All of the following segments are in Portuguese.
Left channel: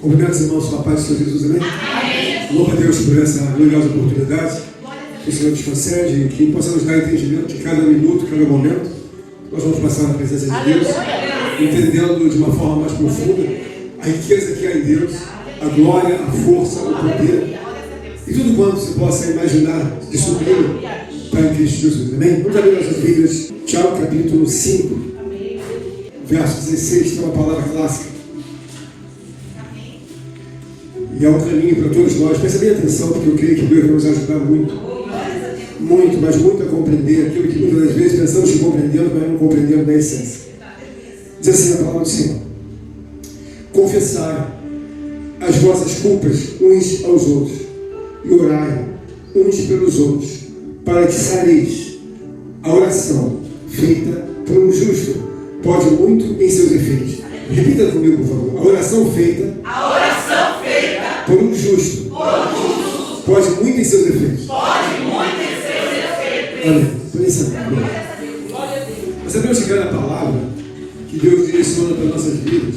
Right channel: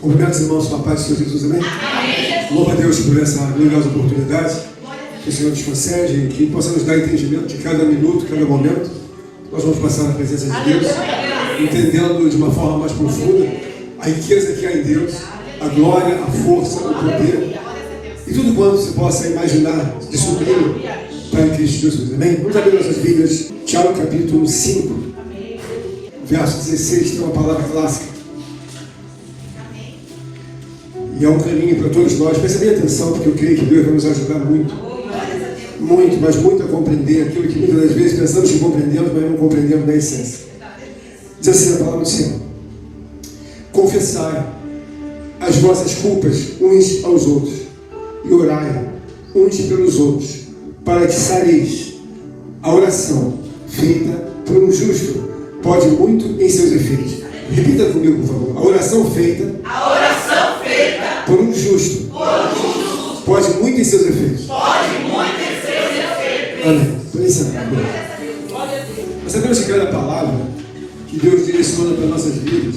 Cumprimento os irmãos com a paz do Senhor Jesus, amém? Louva a Deus por essa gloriosa oportunidade que o Senhor nos concede, que possamos dar entendimento de cada minuto, cada momento. Nós vamos passar na presença de Deus, entendendo de uma forma mais profunda a riqueza que há em Deus, a glória, a força, o poder e tudo quanto se possa imaginar de supremo para Cristo Jesus, amém? Vamos abrir nossas Bíblias, Tiago capítulo 5, verso 16, tem uma palavra clássica. E é um caminho para todos nós. Prestem atenção, porque eu creio que Deus vai nos ajudar muito, mas muito a compreender aquilo que muitas das vezes pensamos que compreendemos, mas não compreendemos na essência. Diz assim a palavra do Senhor: confessai as vossas culpas uns aos outros e orai uns pelos outros, para que sareis. A oração feita por um justo pode muito em seus efeitos. Repita comigo, por favor. A oração feita por um justo pode muito em seus efeitos. Amém. Mas sabemos que cada palavra que Deus direciona para nossas vidas,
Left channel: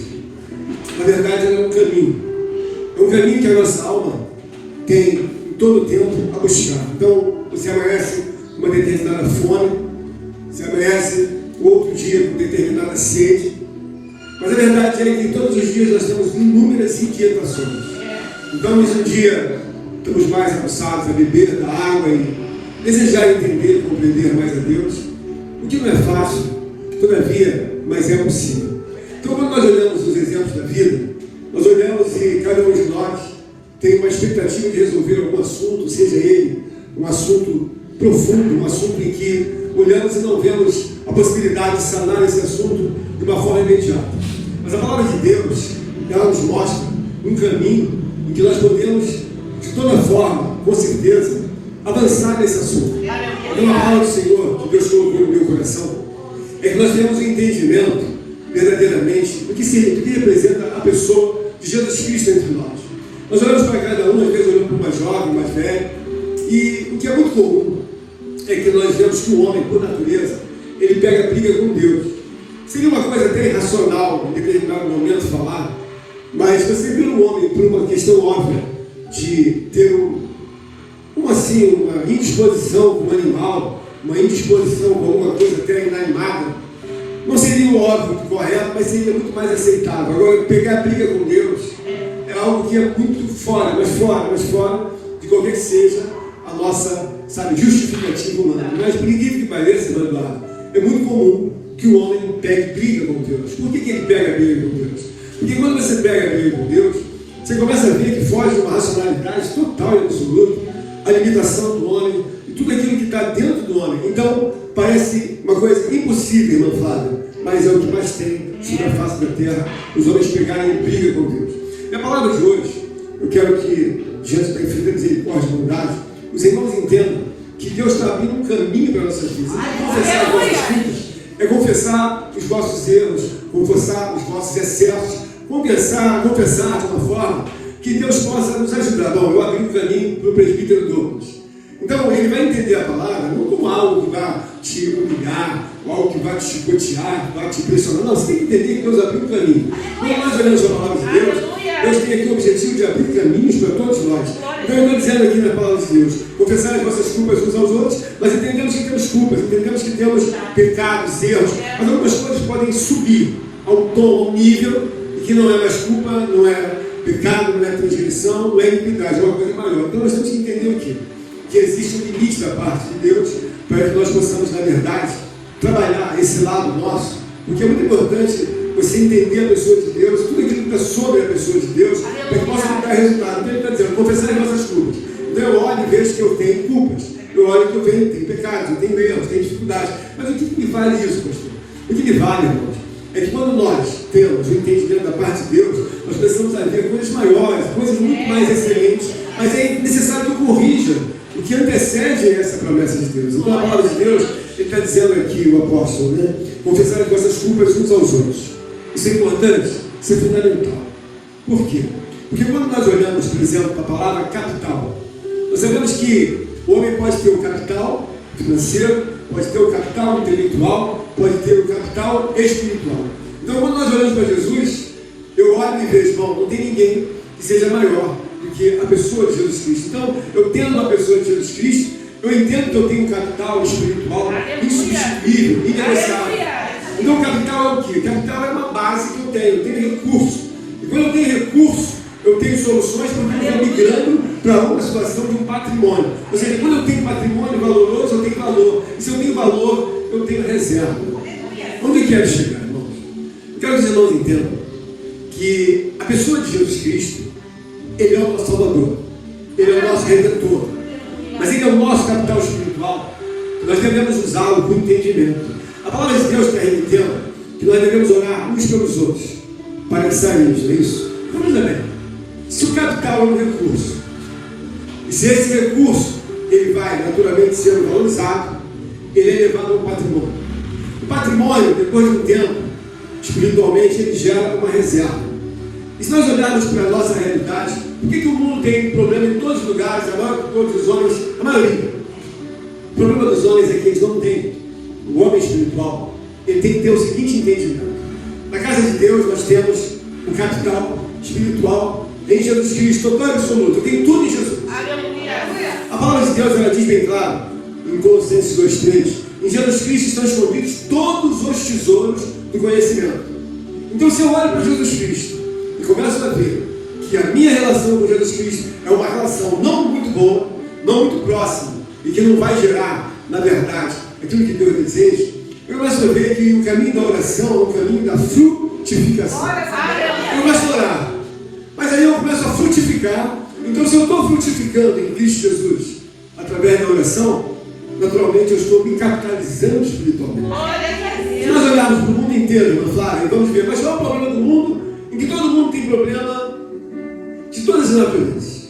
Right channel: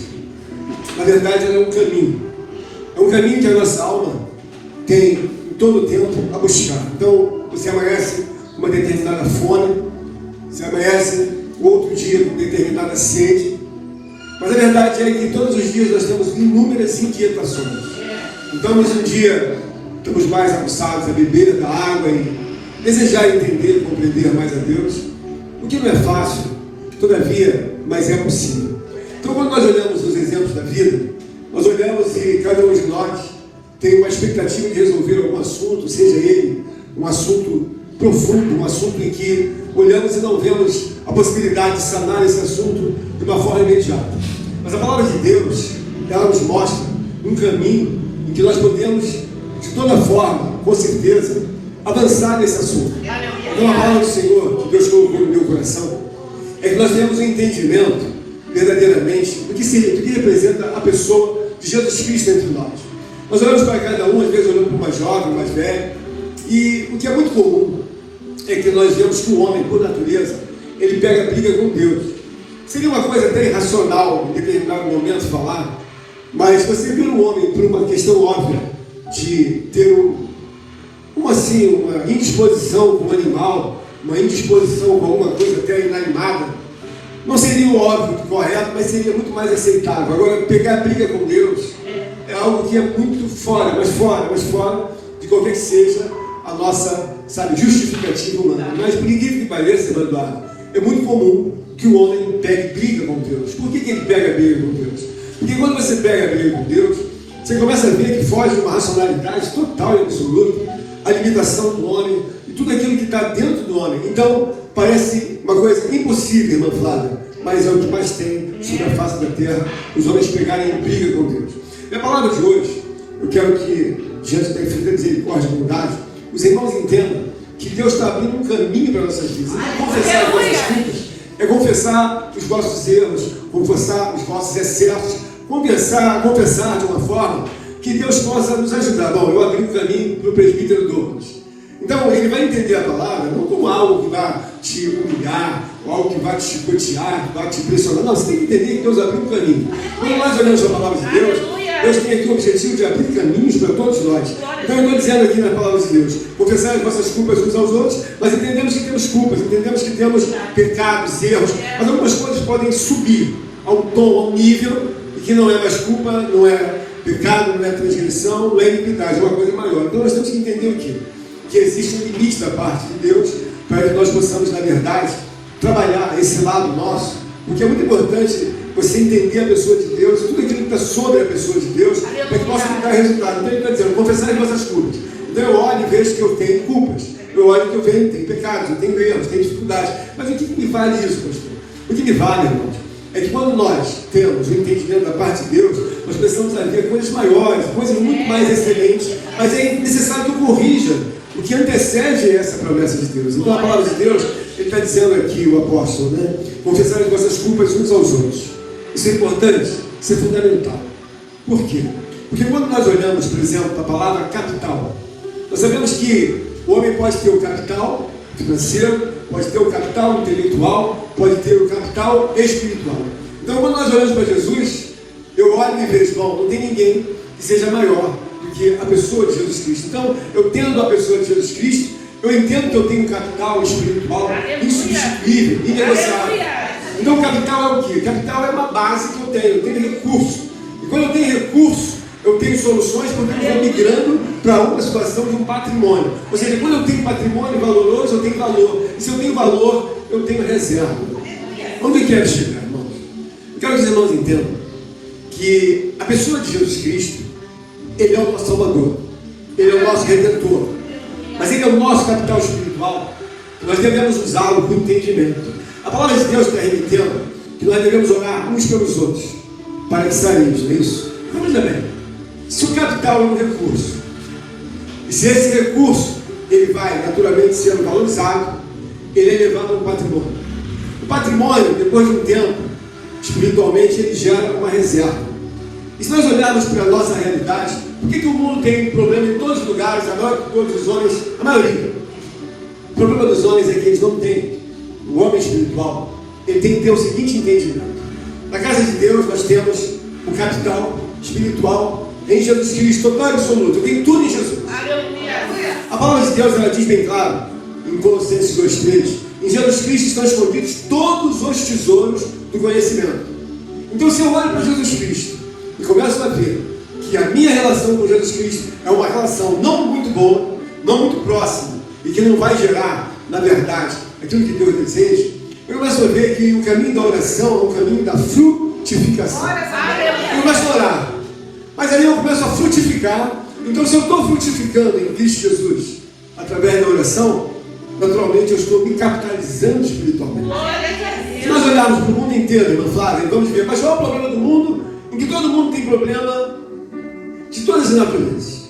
na verdade, ela é um caminho. É um caminho que a nossa alma tem em todo o tempo a buscar. Então, você amanhece uma determinada fome, você amanhece outro dia com determinada sede. Mas a verdade é que todos os dias nós temos inúmeras inquietações. Então, um dia estamos mais aguçados a beber da água e desejar entender e compreender mais a Deus, o que não é fácil, todavia, mas é possível. Então, quando nós olhamos os exemplos da vida, nós olhamos e cada um de nós tem uma expectativa de resolver algum assunto, seja ele um assunto profundo, um assunto em que olhamos e não vemos a possibilidade de sanar esse assunto de uma forma imediata. Mas a palavra de Deus, ela nos mostra um caminho em que nós podemos, de toda forma, com certeza, avançar nesse assunto. Então, a palavra do Senhor, que Deus colocou no meu coração, é que nós temos um entendimento, verdadeiramente, do que representa a pessoa de Jesus Cristo entre nós. Nós olhamos para cada um, às vezes olhamos para o mais jovem, mais velho, e o que é muito comum é que nós vemos que o homem, por natureza, ele pega briga com Deus. Seria uma coisa até irracional, em determinado momento, falar, mas você vê o homem por uma questão óbvia de ter uma indisposição com um animal, uma indisposição com alguma coisa até inanimada, não seria o óbvio, correto, mas seria muito mais aceitável. Agora, pegar briga com Deus é algo que é muito fora de qualquer que seja a nossa, justificativa humana. Mas, por incrível que pareça, Eduardo, é muito comum que o homem pegue briga com Deus. Por que ele pega briga com Deus? Porque quando você pega briga com Deus, você começa a ver que foge de uma racionalidade total e absoluta, a limitação do homem e tudo aquilo que está dentro do homem. Então, parece uma coisa impossível, irmã Flávia, mas é o que mais tem sobre a face da terra, os homens pegarem briga com Deus. E a palavra de hoje, eu quero que, diante da infinita misericórdia e bondade, os irmãos entendam que Deus está abrindo um caminho para nossas vidas. Então, confessar as vossas culpas é confessar os vossos erros, confessar os vossos excessos, confessar de uma forma que Deus possa nos ajudar. Bom, eu abri um caminho para o presbítero Douglas. Então, ele vai entender a palavra não como algo que vai te humilhar, algo que vai te chicotear, que vai te pressionar. Não, você tem que entender que Deus abriu um caminho. Quando nós olhamos a palavra de Deus, Deus tem aqui o objetivo de abrir caminhos para todos nós. Então, eu estou dizendo aqui na palavra de Deus, confessar as vossas culpas uns aos outros, mas entendemos que temos culpas, entendemos que temos pecados, erros, mas algumas coisas podem subir ao tom, ao nível, e que não é mais culpa, não é pecado, não é transgressão, não é iniquidade, é uma coisa maior. Então, nós temos que entender o quê? Que existe um limite da parte de Deus para que nós possamos, na verdade, trabalhar esse lado nosso, porque é muito importante você entender a pessoa de Deus, tudo aquilo que está sobre a pessoa de Deus, para que possa dar resultado. Então ele está dizendo, confessar as nossas culpas. Então eu olho e vejo que eu tenho culpas, eu olho que eu tenho pecados, eu tenho erros, tenho dificuldades. Mas o que me vale isso, pastor? O que me vale, irmãos, é que quando nós temos o entendimento da parte de Deus, nós precisamos ver coisas maiores, coisas muito mais excelentes, mas é necessário que eu corrija o que antecede essa promessa de Deus. Então a palavra de Deus, ele está dizendo aqui, o apóstolo, né? Confessar as vossas culpas uns aos outros. Isso é importante, isso é fundamental. Por quê? Porque quando nós olhamos, por exemplo, para a palavra capital, nós sabemos que o homem pode ter o capital financeiro, pode ter o capital intelectual, pode ter o capital espiritual. Então, quando nós olhamos para Jesus, eu olho olho e vejo, bom, não tem ninguém que seja maior do que a pessoa de Jesus Cristo. Então, eu tendo a pessoa de Jesus Cristo, eu entendo que eu tenho um capital espiritual insubstituível, inegociável. Então, o capital é o quê? O capital é uma base que eu tenho recurso. E quando eu tenho recurso, eu tenho soluções porque eu estou migrando para uma situação de um patrimônio. Ou seja, quando eu tenho patrimônio valoroso, eu tenho valor. E se eu tenho valor, eu tenho reserva. Onde eu quero chegar, irmãos? Eu quero que os irmãos entendam que a pessoa de Jesus Cristo, Ele é o nosso Salvador. Ele é o nosso Redentor. Mas Ele é o nosso capital espiritual. Nós devemos usá-lo com entendimento. A palavra de Deus está remetendo que nós devemos orar uns pelos outros para que saímos, não é isso? Vamos bem. Se o capital é um recurso, e se esse recurso ele vai naturalmente sendo valorizado, ele é levado a um patrimônio. O patrimônio, depois de um tempo, espiritualmente, ele gera uma reserva. E se nós olharmos para a nossa realidade, por que o mundo tem problema em todos os lugares, todos os homens, a maioria? O problema dos homens é que eles não têm. O homem espiritual, ele tem que ter o seguinte entendimento. Na casa de Deus nós temos um capital espiritual em Jesus Cristo, total e absoluto. Eu tenho tudo em Jesus. A palavra de Deus ela diz bem claro, em Colossenses 2:3, em Jesus Cristo estão escondidos todos os tesouros do conhecimento. Então, se eu olho para Jesus Cristo e começo a ver que a minha relação com Jesus Cristo é uma relação não muito boa, não muito próxima, e que não vai gerar, na verdade, aquilo que Deus deseja, eu começo a ver que o caminho da oração é o caminho da frutificação. Eu começo a orar, mas aí eu começo a frutificar. Então, se eu estou frutificando em Cristo Jesus através da oração, naturalmente eu estou me capitalizando espiritualmente. Se nós olharmos para o mundo inteiro, irmã Flávia, vamos ver, mas qual é o problema do mundo? Em que todo mundo tem problema de todas as naturezas.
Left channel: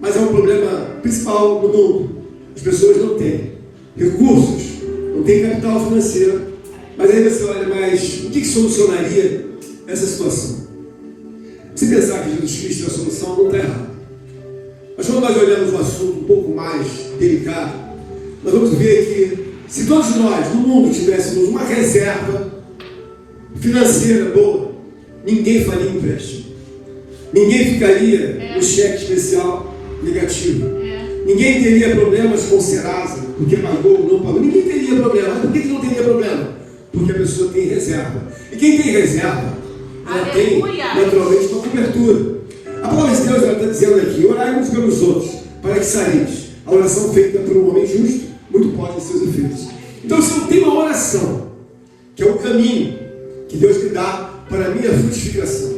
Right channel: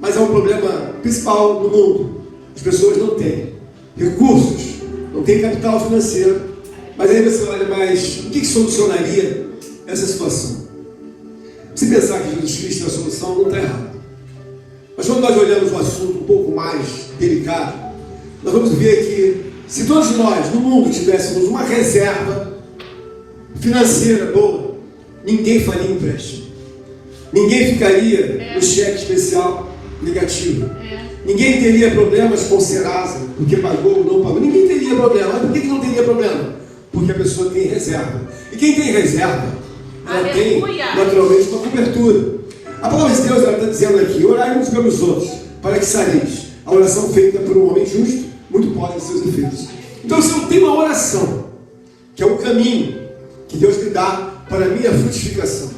Mas é um problema principal no mundo. As pessoas não têm recursos, não têm capital financeiro. Mas aí você olha, mas o que solucionaria essa situação? Se pensar que Jesus Cristo é a solução, não está errado. Mas quando nós olhamos um assunto um pouco mais delicado, nós vamos ver que se todos nós no mundo tivéssemos uma reserva financeira boa, ninguém faria empréstimo. Ninguém ficaria no cheque especial negativo. Ninguém teria problemas com Serasa, porque pagou ou não pagou. Ninguém teria problema. Mas por que não teria problema? Porque a pessoa tem reserva. E quem tem reserva, ela tem naturalmente uma cobertura. A palavra de Deus está dizendo aqui: orai uns pelos outros, para que sareis. A oração feita por um homem justo, muito pode ter seus efeitos. Então, se eu tenho uma oração, que é o caminho que Deus me dá para a minha frutificação,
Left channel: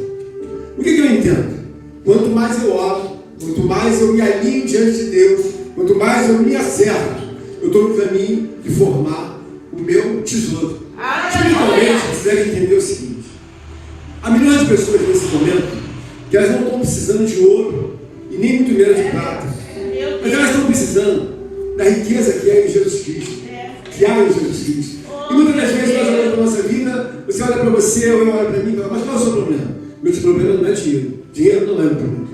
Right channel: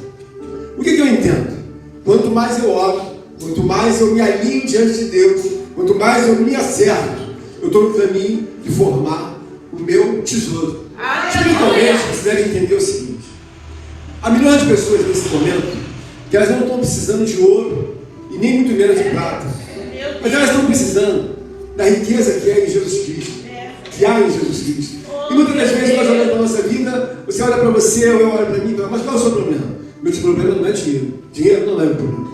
o que eu entendo? Quanto mais eu oro, quanto mais eu me alinho diante de Deus, quanto mais eu me acerto, eu estou no caminho de formar o meu tesouro. Espiritualmente, você deve entender o seguinte: há milhões de pessoas nesse momento que elas não estão precisando de ouro e nem muito menos de prata, mas elas estão precisando da riqueza que é em Jesus Cristo, que há em Jesus Cristo. E muitas das vezes nós olhamos para a nossa vida, você olha para você, ou eu olho para mim e falo: mas qual é o seu problema? Meu problema não é dinheiro. Dinheiro não é o problema.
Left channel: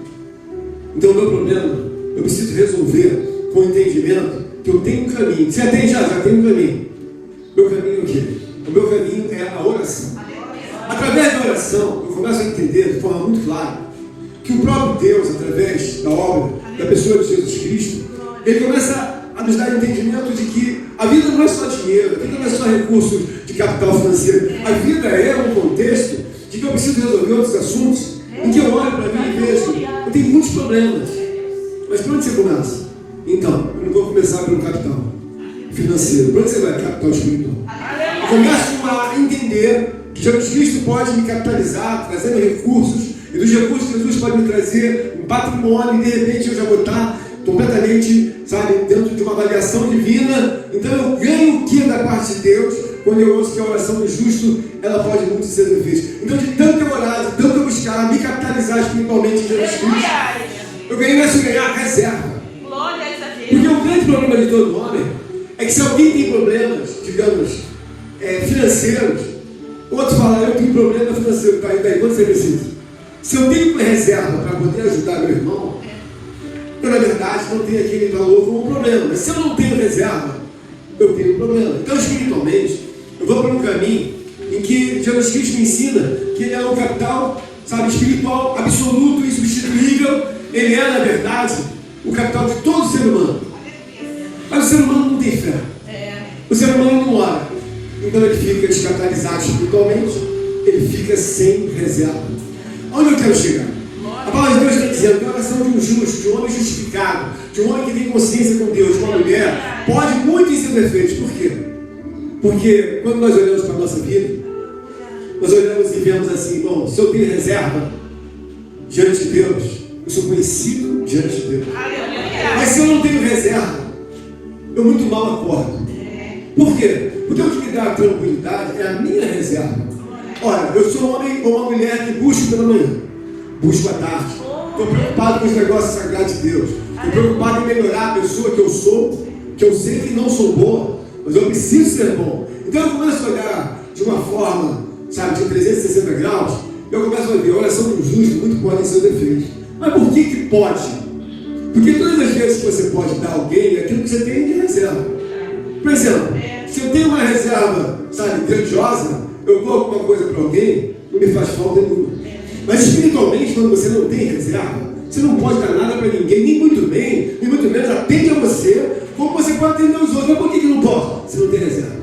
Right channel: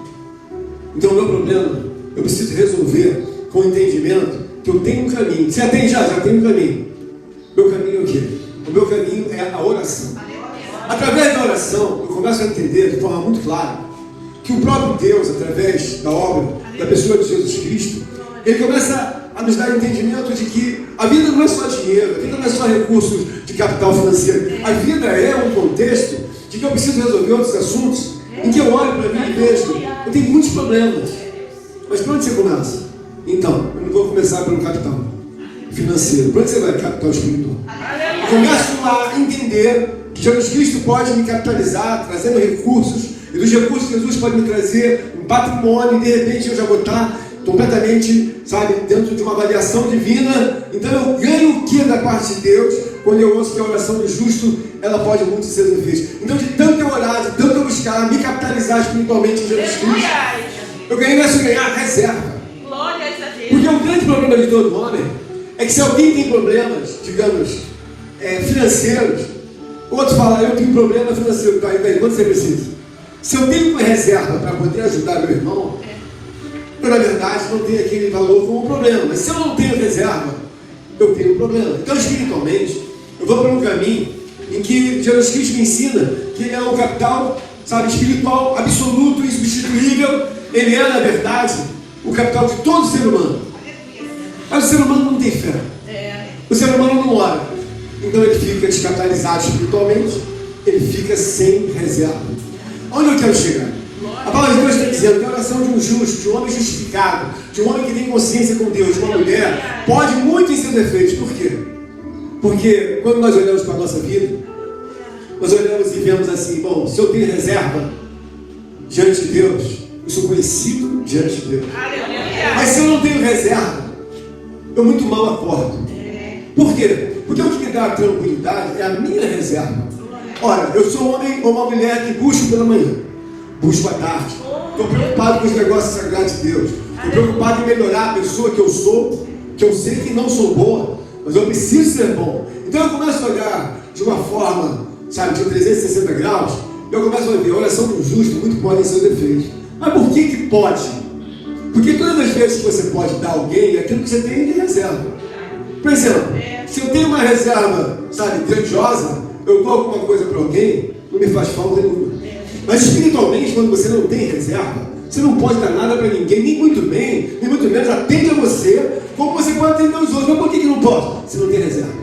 Então o meu problema, eu preciso resolver com o entendimento que eu tenho um caminho. Você atende já tem um caminho. Meu caminho é o quê? O meu caminho é a oração. Através da oração, eu começo a entender de forma muito clara que o próprio Deus, através da obra, da pessoa de Jesus Cristo, ele começa a nos dar entendimento de que a vida não é só dinheiro, a vida não é só recursos de capital financeiro. A vida é um contexto de que eu preciso resolver outros assuntos, em que eu olho para mim e vejo, eu tenho muitos problemas. Mas para onde você começa? Então, eu não vou começar pelo capital financeiro. Para onde você vai? Capital espiritual. Eu começo a entender que Jesus Cristo pode me capitalizar, trazendo recursos, e dos recursos que Jesus pode me trazer um patrimônio, e de repente eu já vou estar completamente, dentro de uma avaliação divina. Então eu ganho o que da parte de Deus quando eu ouço que a oração do justo, ela pode muito ser difícil. Então, de tanto eu orar, de tanto eu buscar, me capitalizar espiritualmente em Jesus Cristo, eu começo a ganhar reserva. Porque o grande problema de todo homem é que se alguém tem problemas, digamos, financeiros, outros falam: eu tenho problema financeiro. Daí, quando você precisa? Se eu tenho uma reserva para poder ajudar meu irmão, eu, na verdade, não tenho aquele valor como problema. Mas se eu não tenho reserva, eu tenho problema. Então, espiritualmente, eu vou para um caminho em que Jesus Cristo me ensina que ele é um capital, sabe, espiritual absoluto, insubstituível. Ele é, na verdade, o capital de todo ser humano. Mas o ser humano não tem fé. O ser humano não ora. Então ele fica descapitalizado espiritualmente, ele fica sem reserva. Onde eu quero chegar? A palavra de Deus está dizendo que a oração de um justo, de um homem justificado, de um homem que tem consciência com Deus, de uma mulher, pode muito em seus defeitos. Por quê? Porque quando nós olhamos para a nossa vida, nós olhamos e vemos assim: bom, se eu tenho reserva diante de Deus, eu sou conhecido diante de Deus. Mas se eu não tenho reserva, eu muito mal acordo. Por quê? Porque o que me dá a tranquilidade é a minha reserva. Olha, eu sou um homem ou uma mulher que busco pela manhã, busco à tarde. Estou preocupado com os negócios sagrados de Deus. Estou preocupado em melhorar a pessoa que eu sou, que eu sei que não sou boa, mas eu preciso ser bom. Então eu começo a olhar de uma forma, sabe, de 360 graus. Eu começo a ver a oração do justo muito pode em seus defeitos. Mas por que pode? Porque todas as vezes que você pode dar a alguém, é aquilo que você tem de reserva. Por exemplo, se eu tenho uma reserva, sabe, grandiosa, eu dou alguma coisa para alguém, não me faz falta nenhuma. Mas espiritualmente, quando você não tem reserva, você não pode dar nada para ninguém, nem muito bem, nem muito menos atende a você, como você pode atender aos outros. Mas por que não pode? Você não tem reserva.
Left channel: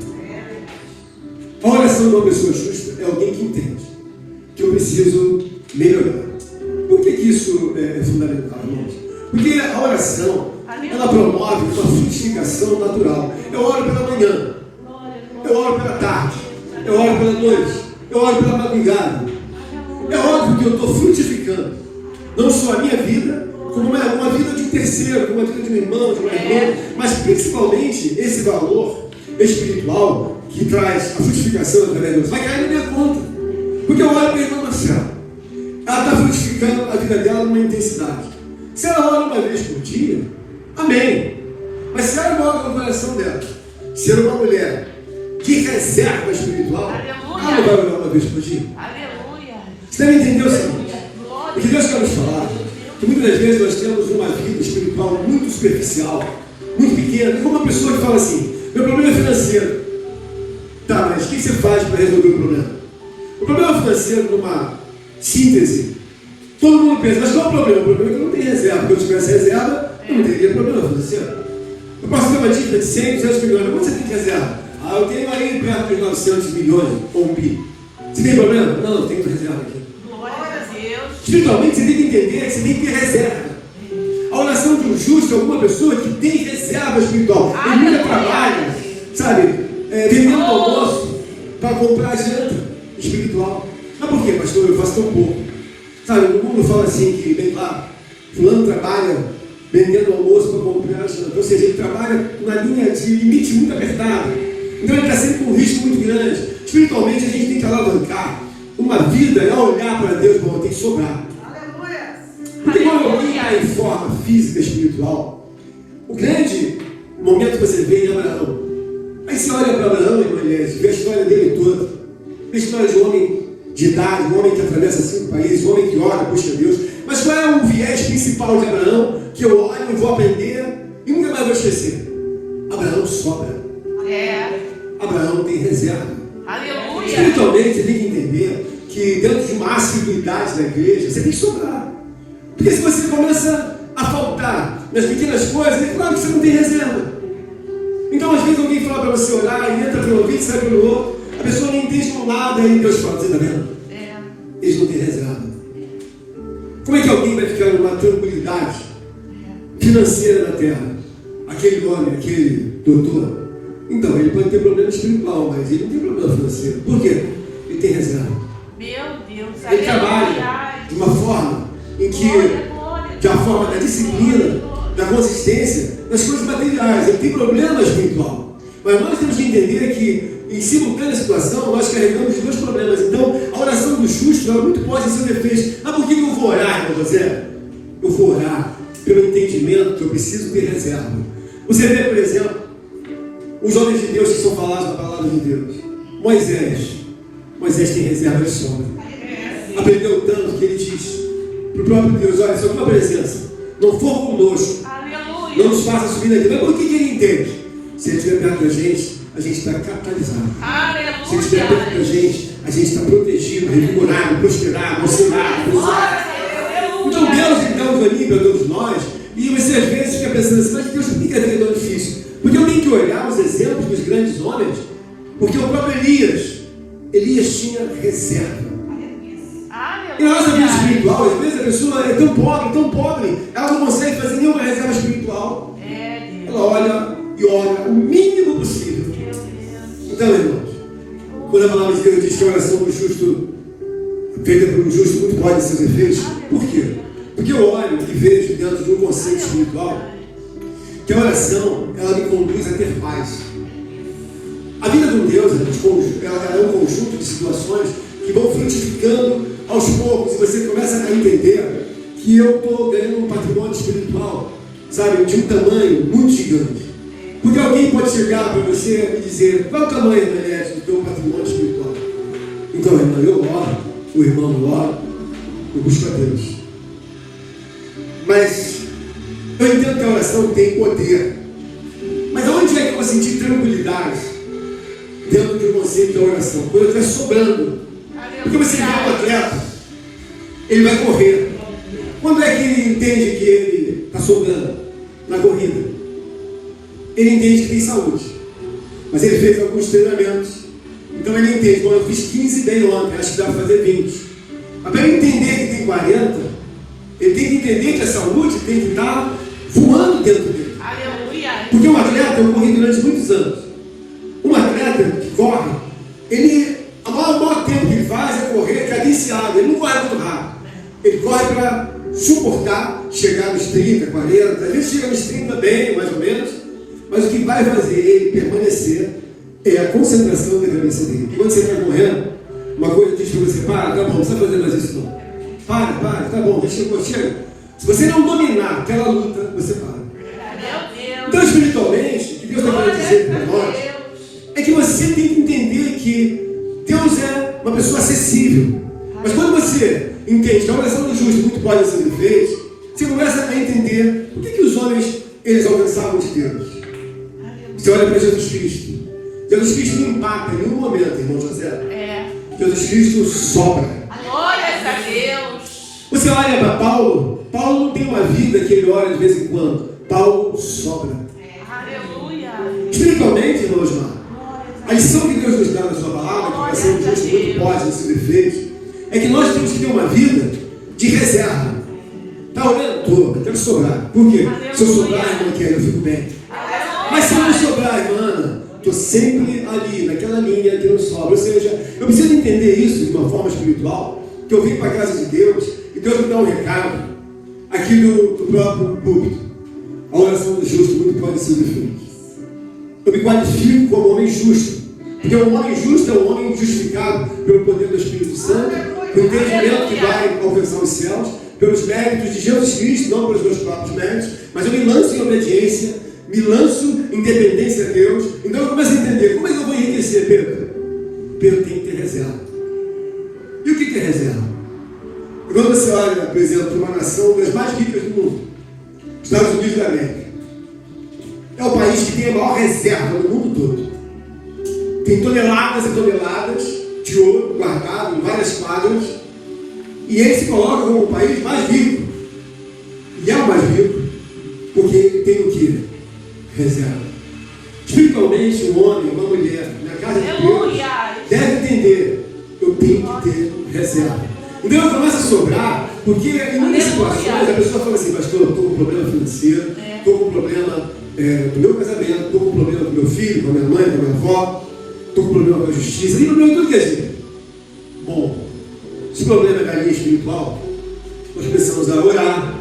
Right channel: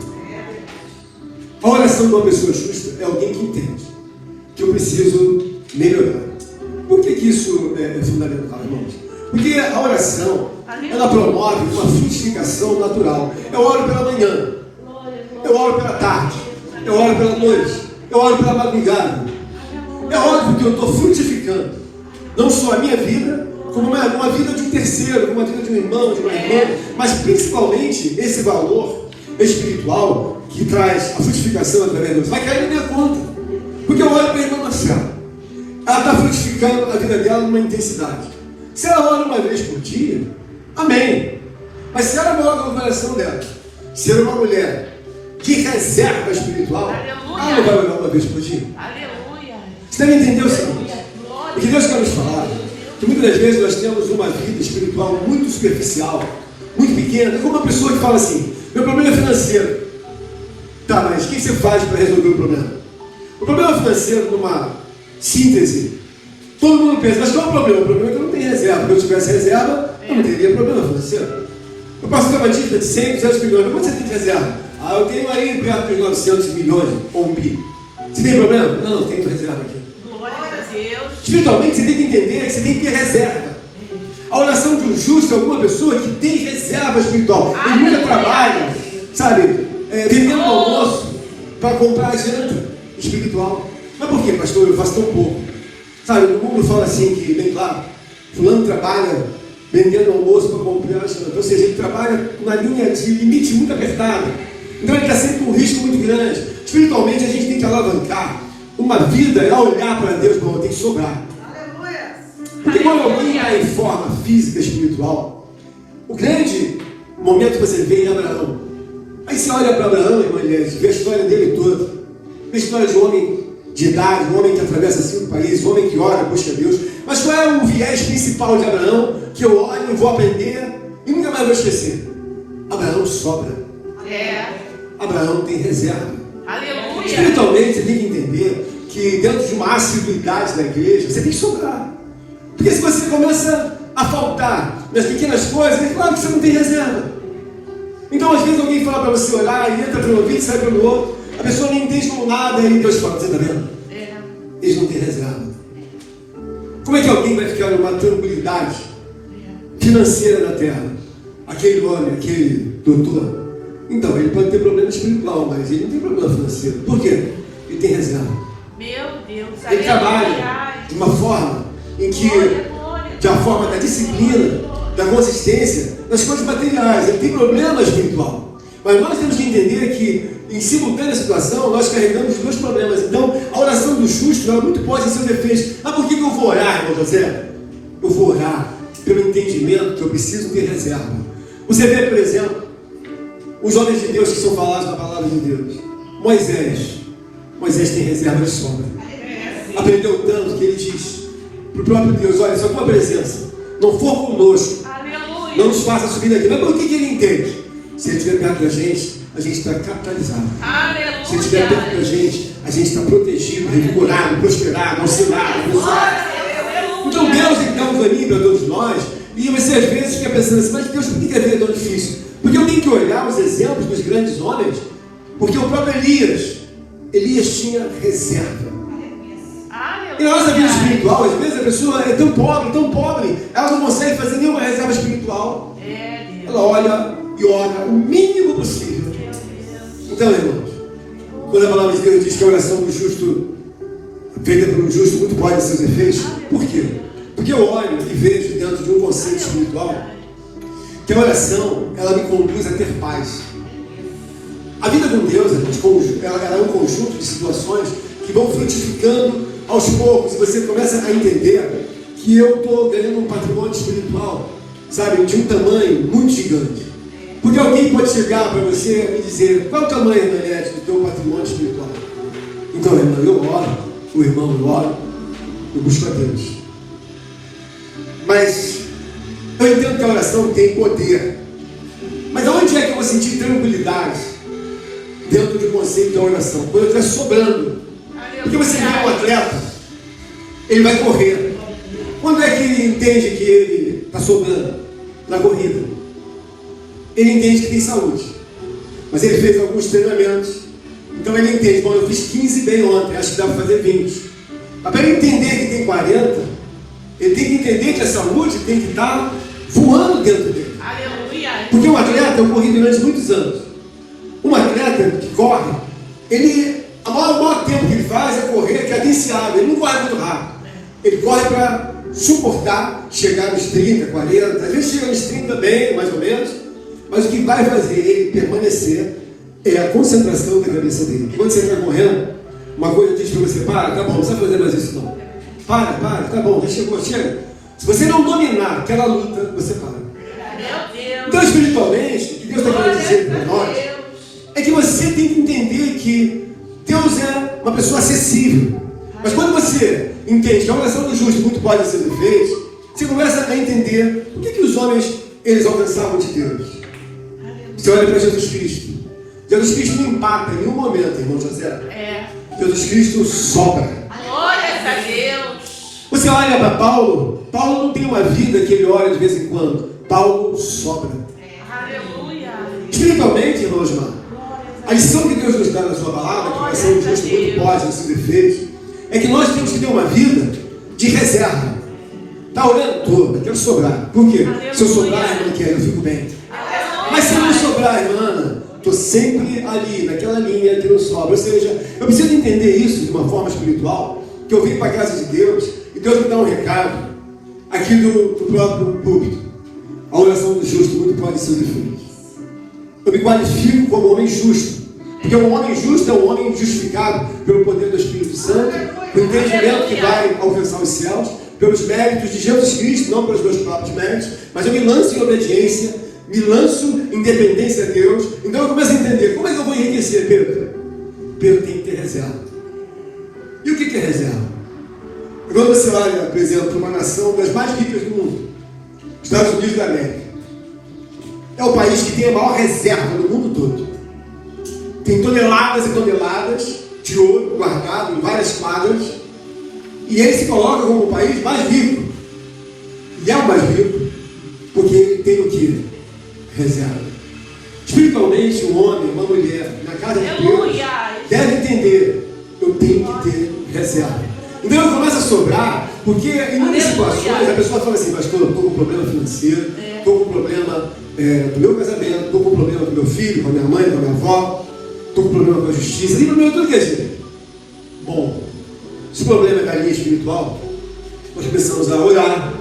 A oração de uma pessoa justa é alguém que entende que eu preciso melhorar. Por que isso é fundamental, irmãos? Porque a oração, ela promove uma frutificação natural. Eu oro pela manhã, eu oro pela tarde, eu oro pela noite, eu oro pela madrugada. É óbvio que eu estou frutificando não só a minha vida, como uma vida de um terceiro, como uma vida de um irmão, de uma irmã, mas principalmente esse valor espiritual que traz a frutificação através de Deus vai cair na minha conta. Porque eu olho para a irmã Marcela, ela está frutificando na vida dela numa intensidade. Se ela ora uma vez por dia, amém. Mas se ela coloca no coração dela ser uma mulher de reserva espiritual, ela não vai orar uma vez por dia. Você deve entender o seguinte: o que Deus quer nos falar, que muitas das vezes nós temos uma vida espiritual muito superficial, muito pequena. É como uma pessoa que fala assim: meu problema é financeiro. Tá, mas o que você faz para resolver o problema? O problema financeiro, numa síntese, todo mundo pensa: mas qual é o problema? O problema é que eu não tenho reserva. Se eu tivesse reserva, eu não teria problema financeiro. Eu posso ter uma dívida de 100, 200 milhões. Mas quanto você tem de reserva? Eu tenho aí perto de 900 milhões ou 1 bi. Você tem problema? Não, tem reserva aqui. Espiritualmente, você tem que entender que você tem que ter reserva. A oração de um justo é alguma pessoa que tem reserva espiritual. Ele nunca trabalha, sabe, vendendo almoço para comprar a janta espiritual. Mas por quê, pastor? Eu faço tão pouco. Sabe, o mundo fala assim, que bem claro, fulano trabalha vendendo almoço para comprar a janta. Ou seja, ele trabalha numa linha de limite muito apertada. Então ele está sempre com um risco muito grande. Espiritualmente, a gente tem que alavancar uma vida a olhar para Deus, mas tem que sobrar. Porque quando alguém está em forma física, espiritual, o grande momento que você vê em Abraão. Aí você olha para Abraão, irmã Elias, vê a história dele toda. Vê a história de um homem de idade, um homem que atravessa 5 países, um homem que ora, busca Deus. Mas qual é o viés principal de Abraão que eu olho, vou aprender e nunca mais vou esquecer? Abraão sobra. Abraão tem reserva. Aleluia. Espiritualmente, você tem que entender que dentro de uma assiduidade da igreja, você tem que sobrar. Porque se você começa a faltar nas pequenas coisas, é claro que você não tem reserva. Então, às vezes, alguém fala para você orar, e entra pelo ouvido e sai pelo outro, a pessoa não entende um lado, aí Deus fala: você está vendo? Eles não têm reserva. Como é que alguém vai ficar numa tranquilidade financeira na terra? Aquele homem, aquele doutor. Então, ele pode ter problema espiritual, mas ele não tem problema financeiro. Por quê? Ele tem reserva. Meu Deus. Ele trabalha de uma forma em que, de uma forma da disciplina, da consistência, das coisas materiais. Ele tem problema espiritual. Mas nós temos que entender que, em simultânea situação, nós carregamos os dois problemas. Então, a oração do justo, ela muito pode ser defesa. Mas por que eu vou orar, irmão José? Eu vou orar pelo entendimento que eu preciso ter reserva. Você vê, por exemplo, os homens de Deus que são falados na palavra de Deus. Moisés tem reserva de sombra. Aprendeu tanto que ele diz para o próprio Deus: olha, se a tua presença não for conosco, não nos faça subir daqui. Mas por que ele entende? Se ele estiver perto da gente a gente está capitalizado. Se Aleluia. estiver perto da gente, a gente está protegido, revigorado, prosperado, auxiliado, abençoado. Então Deus ele dá um caminho para todos nós, e você às vezes fica pensando assim, mas Deus, por que a vida é tão difícil? Porque eu tenho que olhar os exemplos dos grandes homens, porque o próprio Elias tinha reserva. E na nossa vida espiritual, às vezes a pessoa é tão pobre, ela não consegue fazer nenhuma reserva espiritual. Ela olha e ora o mínimo possível. Então, irmãos, quando a palavra de Deus diz que a oração do justo, feita por um justo, muito pode seus efeitos, por quê? Porque eu olho e vejo dentro de um conceito espiritual que a oração, ela me conduz a ter paz. A vida com Deus, ela é um conjunto de situações que vão frutificando aos poucos, e você começa a entender que eu estou ganhando um patrimônio espiritual, sabe, de um tamanho muito gigante. Porque alguém pode chegar para você e dizer, qual é o tamanho, Daniel, do teu patrimônio espiritual? Então, irmão, eu oro, o irmão eu oro, eu busco a Deus. Mas eu entendo que a oração tem poder. Mas aonde é que eu vou sentir tranquilidade dentro do conceito da oração? Quando eu estiver sobrando. Porque você vê um atleta, ele vai correr. Quando é que ele entende que ele está sobrando? Na corrida. Ele entende que tem saúde. Mas ele fez alguns treinamentos. Então ele entende, bom, eu fiz 15 bem ontem, acho que dá para fazer 20. Mas para ele entender que tem 40, ele tem que entender que a saúde tem que estar voando dentro dele. Porque um atleta, eu corri durante muitos anos. Um atleta que corre, o maior tempo que ele faz é correr cadenciado, ele não corre muito rápido. Ele corre para suportar, chegar nos 30, 40, às vezes chega nos 30 bem, mais ou menos, mas o que vai fazer ele permanecer é a concentração da cabeça dele. Quando você está correndo, uma coisa diz para você, para, tá bom, não sabe fazer mais isso não. Para, tá bom, chega. Se você não dominar aquela luta, você para. Então, espiritualmente, o que Deus está querendo dizer para nós é que você tem que entender que Deus é uma pessoa acessível. Mas quando você entende que a oração do justo muito pode ser feita, você começa a entender por que os homens eles alcançavam de Deus. Você olha para Jesus Cristo. Jesus Cristo não empata em nenhum momento, irmão José. Jesus Cristo sobra. Glória a Deus. Você olha para Paulo não tem uma vida que ele olha de vez em quando. Paulo sobra. Aleluia. Espiritualmente, irmão Osmar, a lição que Deus nos dá na sua palavra, que a oração do justo muito pode ser feita, é que nós temos que ter uma vida de reserva. Está olhando todo, quero sobrar. Por quê? Se eu sobrar, irmã, eu fico bem. Mas se eu não sobrar, irmã, estou sempre ali, naquela linha que não sobra. Ou seja, eu preciso entender isso de uma forma espiritual, que eu vim para a casa de Deus, e Deus me dá um recado, aqui do próprio púlpito. A oração do justo muito pode ser feita. Eu me qualifico como homem justo, porque um homem justo é um homem justificado pelo poder do Espírito Santo, pelo entendimento que vai alcançar os céus, pelos méritos de Jesus Cristo, não pelos meus próprios méritos, mas eu me lanço em obediência, me lanço em dependência a Deus. Então eu começo a entender, como é que eu vou enriquecer, Pedro? Pedro tem que ter reserva. E o que é reserva? Quando você olha, por exemplo, para uma nação das mais ricas do mundo, Estados Unidos da América, é o país que tem a maior reserva no mundo todo. Tem toneladas e toneladas de ouro guardado em várias quadras, e ele se coloca como o país mais rico. E é o mais rico, porque ele tem o que? Reserva. Espiritualmente, um homem, uma mulher, na casa de Deus, deve entender, eu tenho que ter reserva. Então eu começo a sobrar, porque em muitas situações a pessoa fala assim, pastor, eu estou com um problema financeiro, estou com um problema do meu casamento, estou com um problema do meu filho, com a minha mãe, com a minha avó, estou com um problema com a justiça, tem problema tudo que é jeito. Bom, se o problema é na linha espiritual, nós precisamos orar.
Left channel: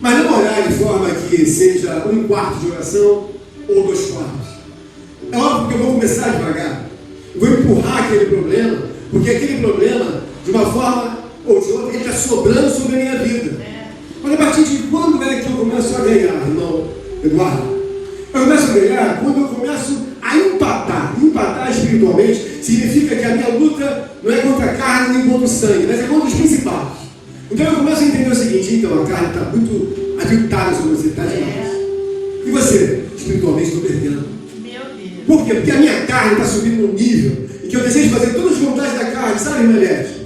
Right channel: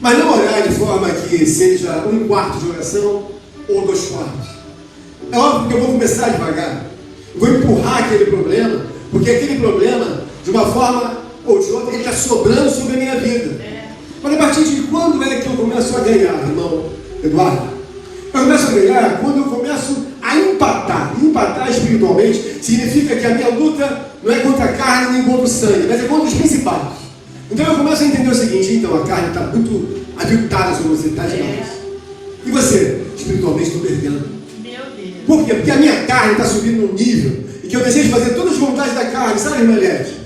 Mas não orar de forma que seja 1/4 de oração ou 2/4. É óbvio que eu vou começar devagar. Eu vou empurrar aquele problema, porque aquele problema, de uma forma ou de outra, ele está sobrando sobre a minha vida. Mas a partir de quando é que eu começo a ganhar, irmão Eduardo? Eu começo a ganhar quando eu começo a empatar. Empatar espiritualmente significa que a minha luta não é contra a carne nem contra o sangue, mas é contra os principados. Então eu começo a entender o seguinte, então a carne está muito aviltada sobre você, está demais. E você, espiritualmente, estou perdendo. Meu Deus. Por quê? Porque a minha carne está subindo num nível em que eu desejo fazer todas as vontades da carne, sabe, irmã Lete?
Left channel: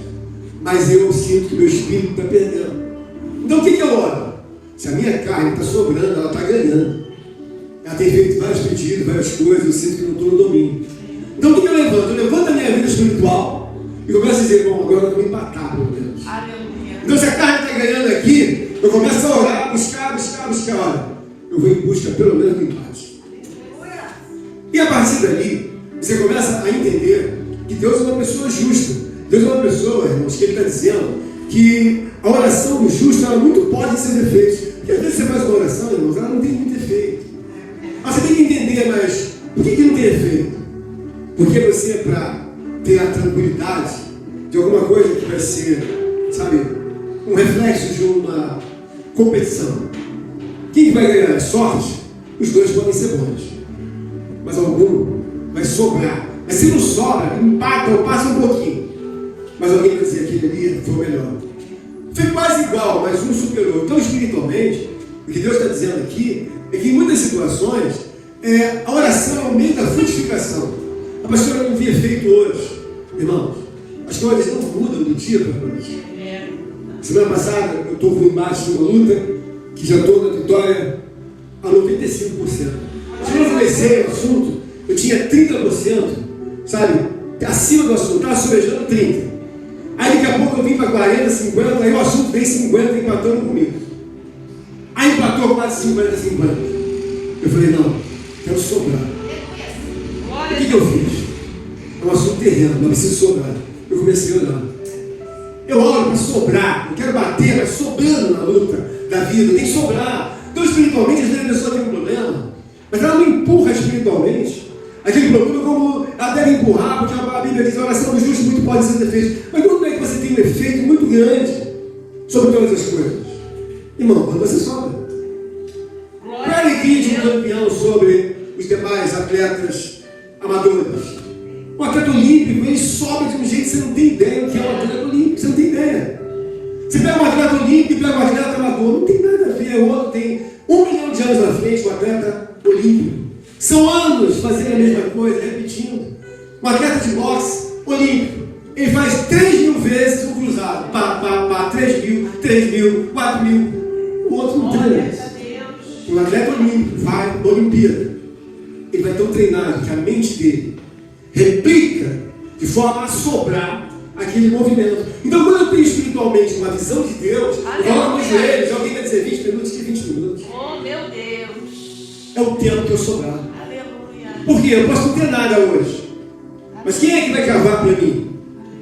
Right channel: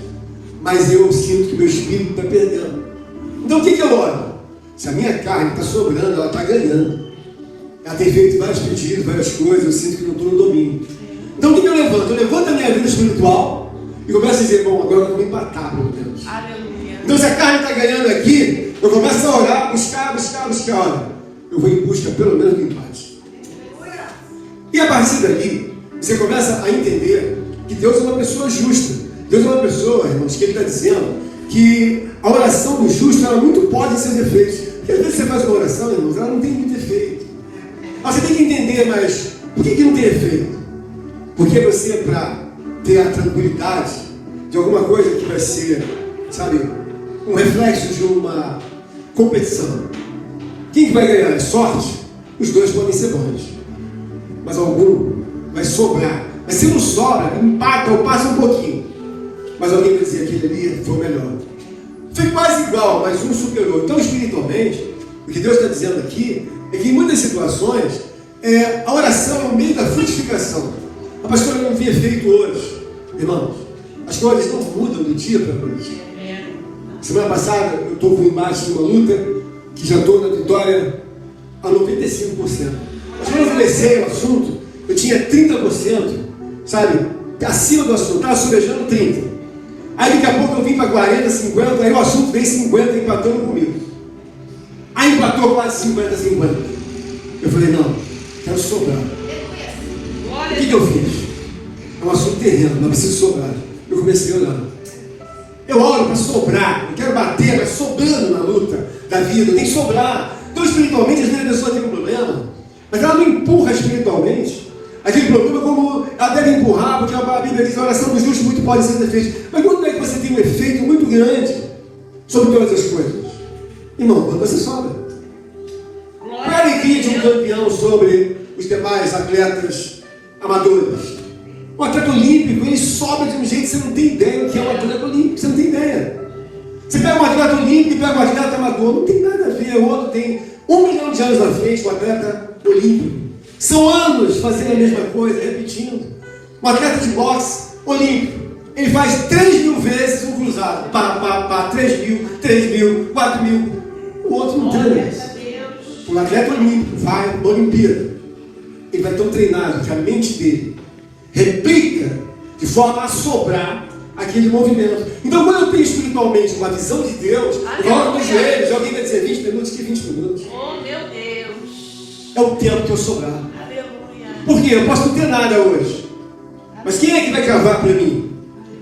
Mas eu sinto que meu espírito está perdendo. Então o que eu oro? Se a minha carne está sobrando, ela está ganhando. Ela tem feito vários pedidos, várias coisas, eu sinto que não estou no domínio. Então o que eu levanto? Eu levanto a minha vida espiritual e começo a dizer, bom, agora eu vou empatar, pelo menos. Então se a carne está ganhando aqui, eu começo a orar, buscar. Olha, eu vou em busca pelo menos do empate. E a partir dali, você começa a entender que Deus é uma pessoa justa. Deus é uma pessoa, irmãos, que Ele está dizendo que a oração do justo, ela muito pode ser defeitos. Porque às vezes você faz uma oração, irmãos, ela não tem muito efeito. Mas você tem que entender, mas por que não tem efeito? Porque você, para ter a tranquilidade de alguma coisa que vai ser, sabe, um reflexo de uma competição. Quem que vai ganhar? É sorte? Os dois podem ser bons. Mas algum vai sobrar. Mas se não sobra, empata ou passa um pouquinho. Mas alguém vai dizer, aquele ali foi o melhor. Foi quase igual, mas um superou. Então, espiritualmente, o que Deus está dizendo aqui é que em muitas situações, a oração é o meio da frutificação. A pastora não via efeito hoje. Irmãos, as coisas não mudam do dia para a noite. Semana passada, eu estou com embaixo de uma luta, que já estou na vitória a 95%. Mas quando eu comecei o assunto, eu tinha 30%, sabe, acima do assunto, estava sobejando 30%. Aí daqui a pouco eu vim para 40, 50, aí o assunto veio 50 empatando comigo. Aí empatou quase 50. Eu falei, não, quero sobrar. O que eu fiz? É um assunto terreno, não preciso sobrar. Eu comecei a orar. Eu oro para sobrar, não quero bater, mas sobrando na luta da vida, nem sobrar. Então, espiritualmente, às vezes a pessoa tem um problema, mas ela não empurra espiritualmente aquele problema como ela deve empurrar, porque a Bíblia diz: a oração do justo muito pode ser defeita. Mas quando é que você tem um efeito muito grande sobre todas as coisas? Irmão, quando você sobra. Qual a alegria de um campeão sobre os demais atletas amadores? Um atleta olímpico, ele sobra de um jeito que você não tem ideia o que é um atleta olímpico, você não tem ideia. Você pega um atleta olímpico e pega um atleta amador, não tem nada a ver. O outro tem 1 milhão de anos na frente, um atleta olímpico. São anos fazendo a mesma coisa, repetindo. Um atleta de boxe olímpico, ele faz 3.000 vezes um cruzado. 3.000, 4.000. O outro não treina. Um atleta olímpico vai à Olimpíada. Ele vai tão treinado que a mente dele replica de forma a sobrar aquele movimento. Então, quando eu tenho espiritualmente uma visão de Deus, eu coloco nos joelhos, alguém vai dizer 20 minutos, que 20 minutos. Oh, meu Deus! É o tempo que eu sobrar. Aleluia! Por quê? Eu posso não ter nada hoje. Mas quem é que vai cavar para mim?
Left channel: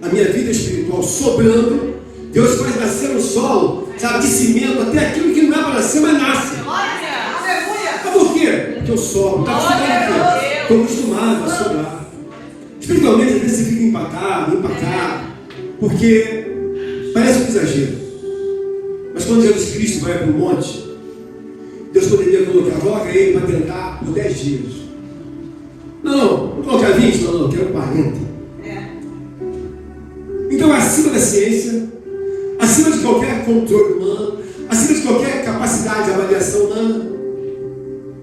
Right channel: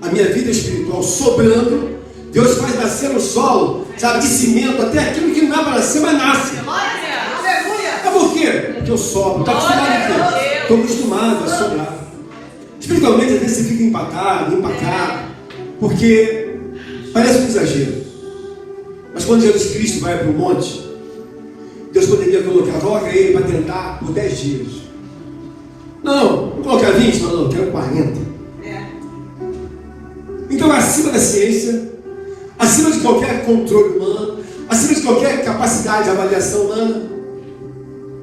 A minha vida espiritual sobrando. Deus faz nascer no solo, sabe, de cimento, até aquilo que não é para nascer, mas nasce. Aleluia! Mas por quê? Porque eu sobro. Está acostumado a quê? Estou acostumado a sobrar. Espiritualmente, às vezes você fica empatado, porque parece um exagero. Mas quando Jesus Cristo vai para o monte, Deus poderia colocar ele para tentar por 10 dias. Não, vou colocar 20, mas não, eu quero 40. Então, acima da ciência, acima de qualquer controle humano, acima de qualquer capacidade de avaliação humana,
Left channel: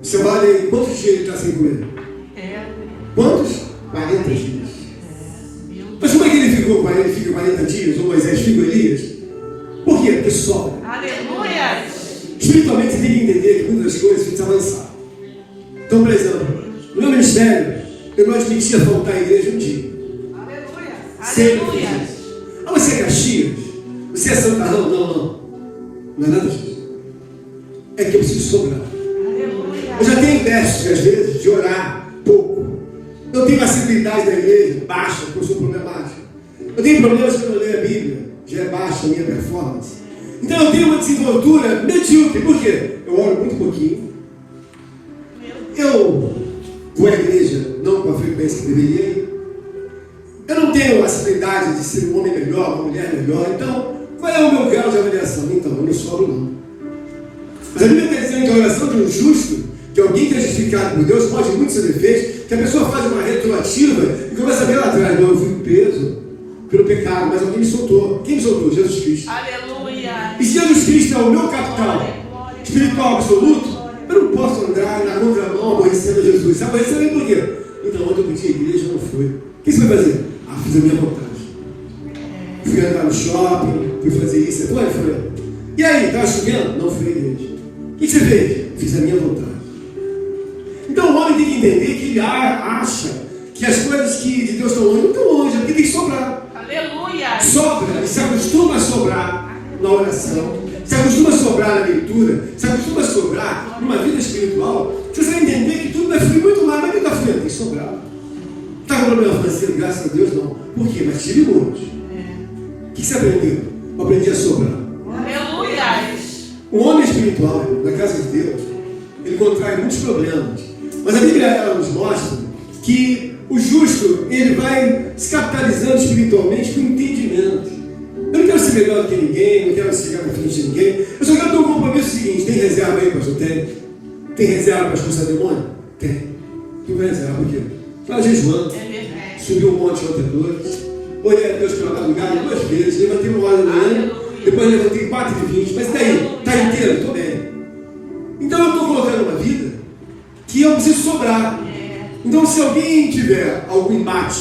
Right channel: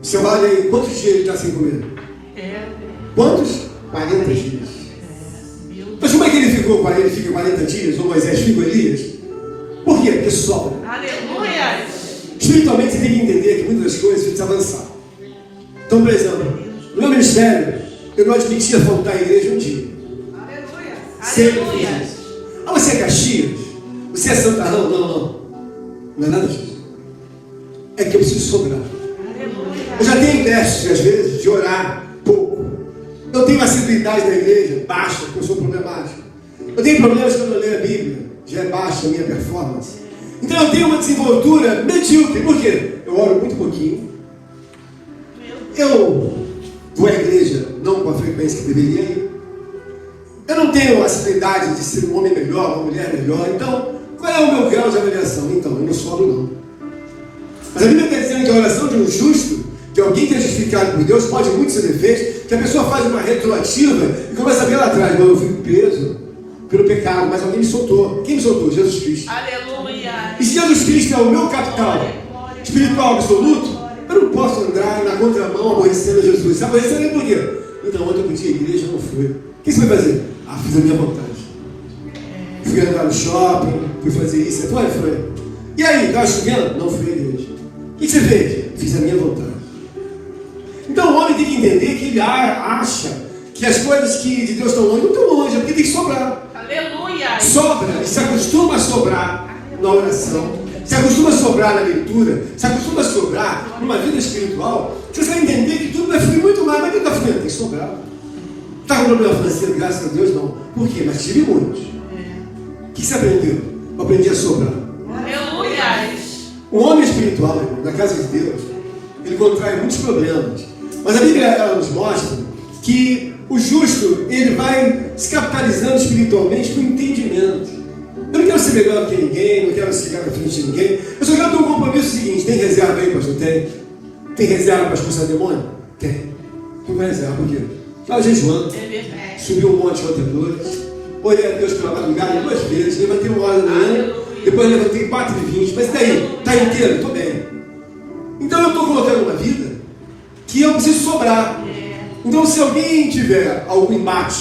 você vale quantos dias ele está sem comer? Quantos? 40 dias. Mas como é que ele ficou 40 dias? Ou Moisés ficou Elias? Por quê? Porque sobra. Aleluia! Espiritualmente você tem que entender que muitas das coisas precisam avançar. Então, por exemplo, no meu ministério, eu não admitia faltar à igreja um dia. Aleluia! Sempre fiz isso. Ah, você é Caxias? Você é Santa Rão? Não. Não é nada disso. É que eu preciso sobrar. Eu já tenho testes, às vezes, de orar pouco. Eu tenho acessibilidade da igreja baixa, porque eu sou problemático. Eu tenho problemas que eu não leio a Bíblia, já é baixa a minha performance. Então eu tenho uma desenvoltura medíocre. Por quê? Eu oro muito pouquinho. Eu vou à igreja não com a frequência que deveria ir. Eu não tenho a acessibilidade de ser um homem melhor, uma mulher melhor. Então, qual é o meu grau de avaliação? Então, eu não sobro não. Mas a Bíblia está dizendo que a oração de um justo, de alguém que é justificado por Deus, pode muito ser defeito, que a pessoa faz uma retroativa e começa a ver lá atrás: eu fui preso pelo pecado, mas alguém me soltou. Quem me soltou? Jesus Cristo. Aleluia! E se Jesus Cristo é o meu capital espiritual absoluto, eu não posso andar na contramão aborrecendo Jesus. Aborrecendo ele por quê? Ele Não, ontem eu pedi a igreja, não fui. O que você vai fazer? Ah, fiz a minha vontade. Fui andar no shopping, fui fazer isso. Foi. E aí, estava chovendo? Não fui à igreja. O que você fez? Fiz a minha vontade. Então o homem tem que entender que ele acha que as coisas que de Deus estão longe, não estão longe, é porque tem que sobrar. Aleluia. Sobra, ele se acostuma a sobrar na oração, se acostuma a sobrar na leitura, se acostuma a sobrar numa vida espiritual, que você vai entender que tudo vai fluir muito mais, mas o que está fluindo? Tem que sobrar. Está com problema financeiro? Graças a Deus não. Por quê? Mas tive muitos. O que você aprendeu? Eu aprendi a sobrar. Aleluia. Um homem espiritual, irmão, na casa de Deus, ele contrai muitos problemas. Mas a Bíblia ela nos mostra que o justo, ele vai se capitalizando espiritualmente com entendimento. Eu não quero ser melhor do que ninguém, não quero chegar na frente de ninguém. Eu só quero ter um compromisso seguinte: tem reserva aí, pastor? Tem reserva para expulsar demônio? Tem. Tu vai reserva, por quê? Estava jejuando, subiu um monte outra noite, olhei a Deus pela madrugada 2 vezes, levantei 1 hora da manhã, depois levantei 4h20, mas daí, está inteiro? Estou bem. Então eu estou colocando uma vida que eu preciso sobrar. Então se alguém tiver algum embate,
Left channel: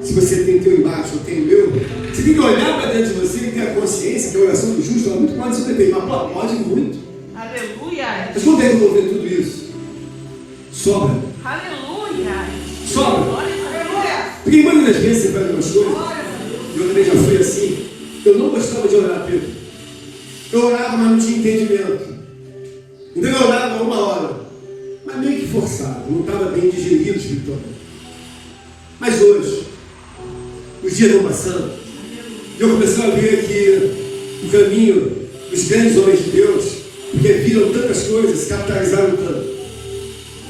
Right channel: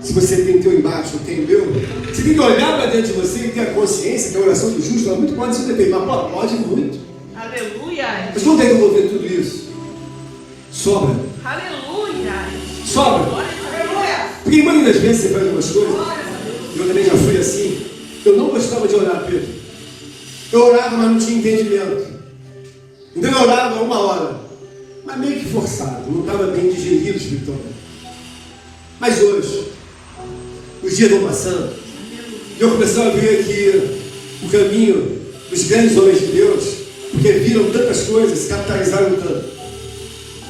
se você tem teu embate, eu tenho meu, você tem que olhar para dentro de você e ter a consciência que a oração do justo ela muito pode ser defeita, mas pode muito. Aleluia. Mas quando é que eu vou ver tudo isso? Sobra. Aleluia. Sobra. Aleluia. Porque muitas das vezes você faz umas coisas, eu também já fui assim, eu não gostava de orar, Pedro. Eu orava, mas não tinha entendimento. Então eu orava 1 hora, mas meio que forçado, não estava bem digerido espiritualmente. Mas hoje, os dias vão passando, e eu comecei a ver que o caminho dos grandes homens de Deus, porque viram tantas coisas, se capitalizaram tanto.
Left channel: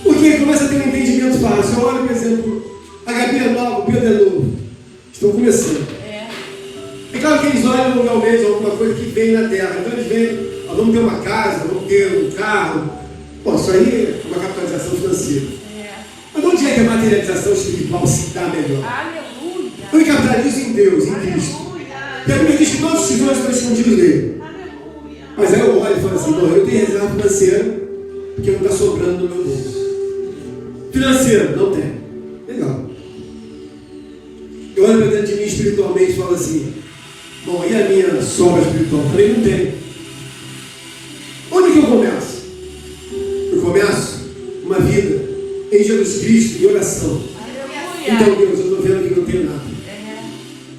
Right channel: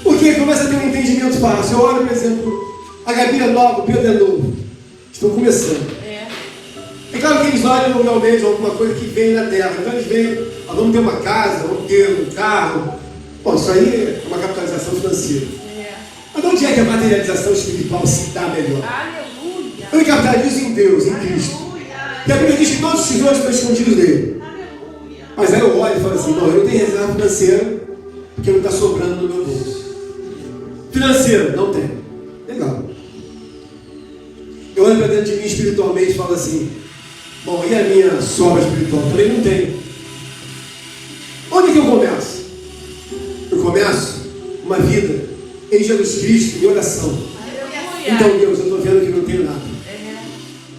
Porque começa a ter um entendimento fácil. Eu olho, por exemplo, a Gabi é nova, o Pedro é novo. Estão começando. É claro que eles olham realmente alguma coisa que vem na terra. Então eles veem, vamos ter uma casa, vamos ter um carro. Bom, isso aí é uma capitalização financeira. Mas onde é que a materialização espiritual se dá melhor? Aleluia. Eu me capitalizo em Deus, em Cristo. E a Bíblia diz que todos os tesouros estão escondidos nele. Aleluia. Mas aí eu olho e falo assim: não, eu tenho reserva financeira porque não está sobrando no meu bolso. Financeiro, não tem. Legal. Eu olho para dentro de mim espiritualmente e falo assim: bom, e a minha sobra espiritual? Também não tem. Onde que eu começo? Eu começo uma vida em Jesus Cristo, em oração. Aleluia. Então, Deus, eu estou vendo que não tenho nada,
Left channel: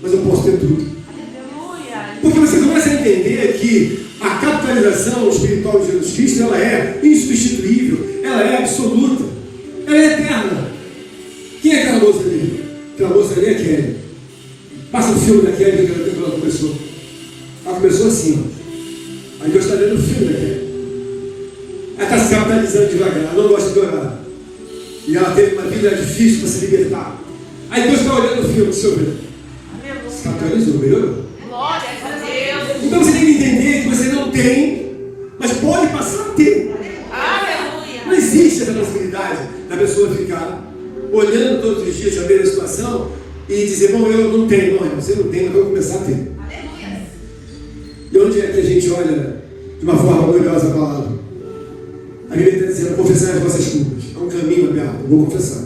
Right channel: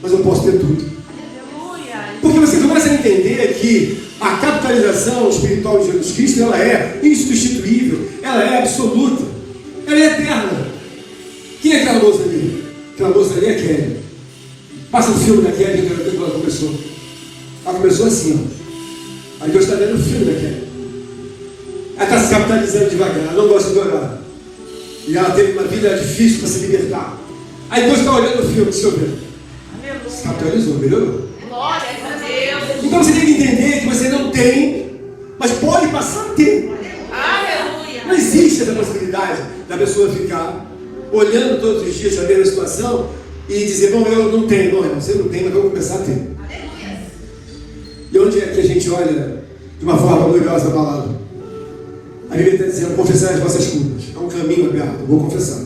mas eu posso ter tudo. Aleluia. Porque você começa a entender que a capitalização espiritual de Jesus Cristo, ela é insubstituível, ela é absoluta, ela é eterna. Quem é aquela moça ali? Aquela moça ali é Kelly. Passa o filme da Kelly, que ela começou. Ela começou assim, ó. Aí Deus está vendo o filme da Kelly. Ela está se capitalizando devagar, ela não gosta de orar. E ela teve uma vida difícil para se libertar. Aí Deus está olhando o filme, deixa eu ver. Se capitalizou, melhorou. Glória a Deus. Então você tem que entender que você não tem, mas pode passar a ter. Aleluia. Não existe essa possibilidade da pessoa ficar olhando todos os dias a mesma situação e dizer: bom, eu não tenho. Não, você não tem, mas eu vou começar a ter. E onde é que a gente olha de uma forma gloriosa a palavra? A Bíblia está dizendo: confessar as vossas culpas. É um caminho aberto, vou confessar.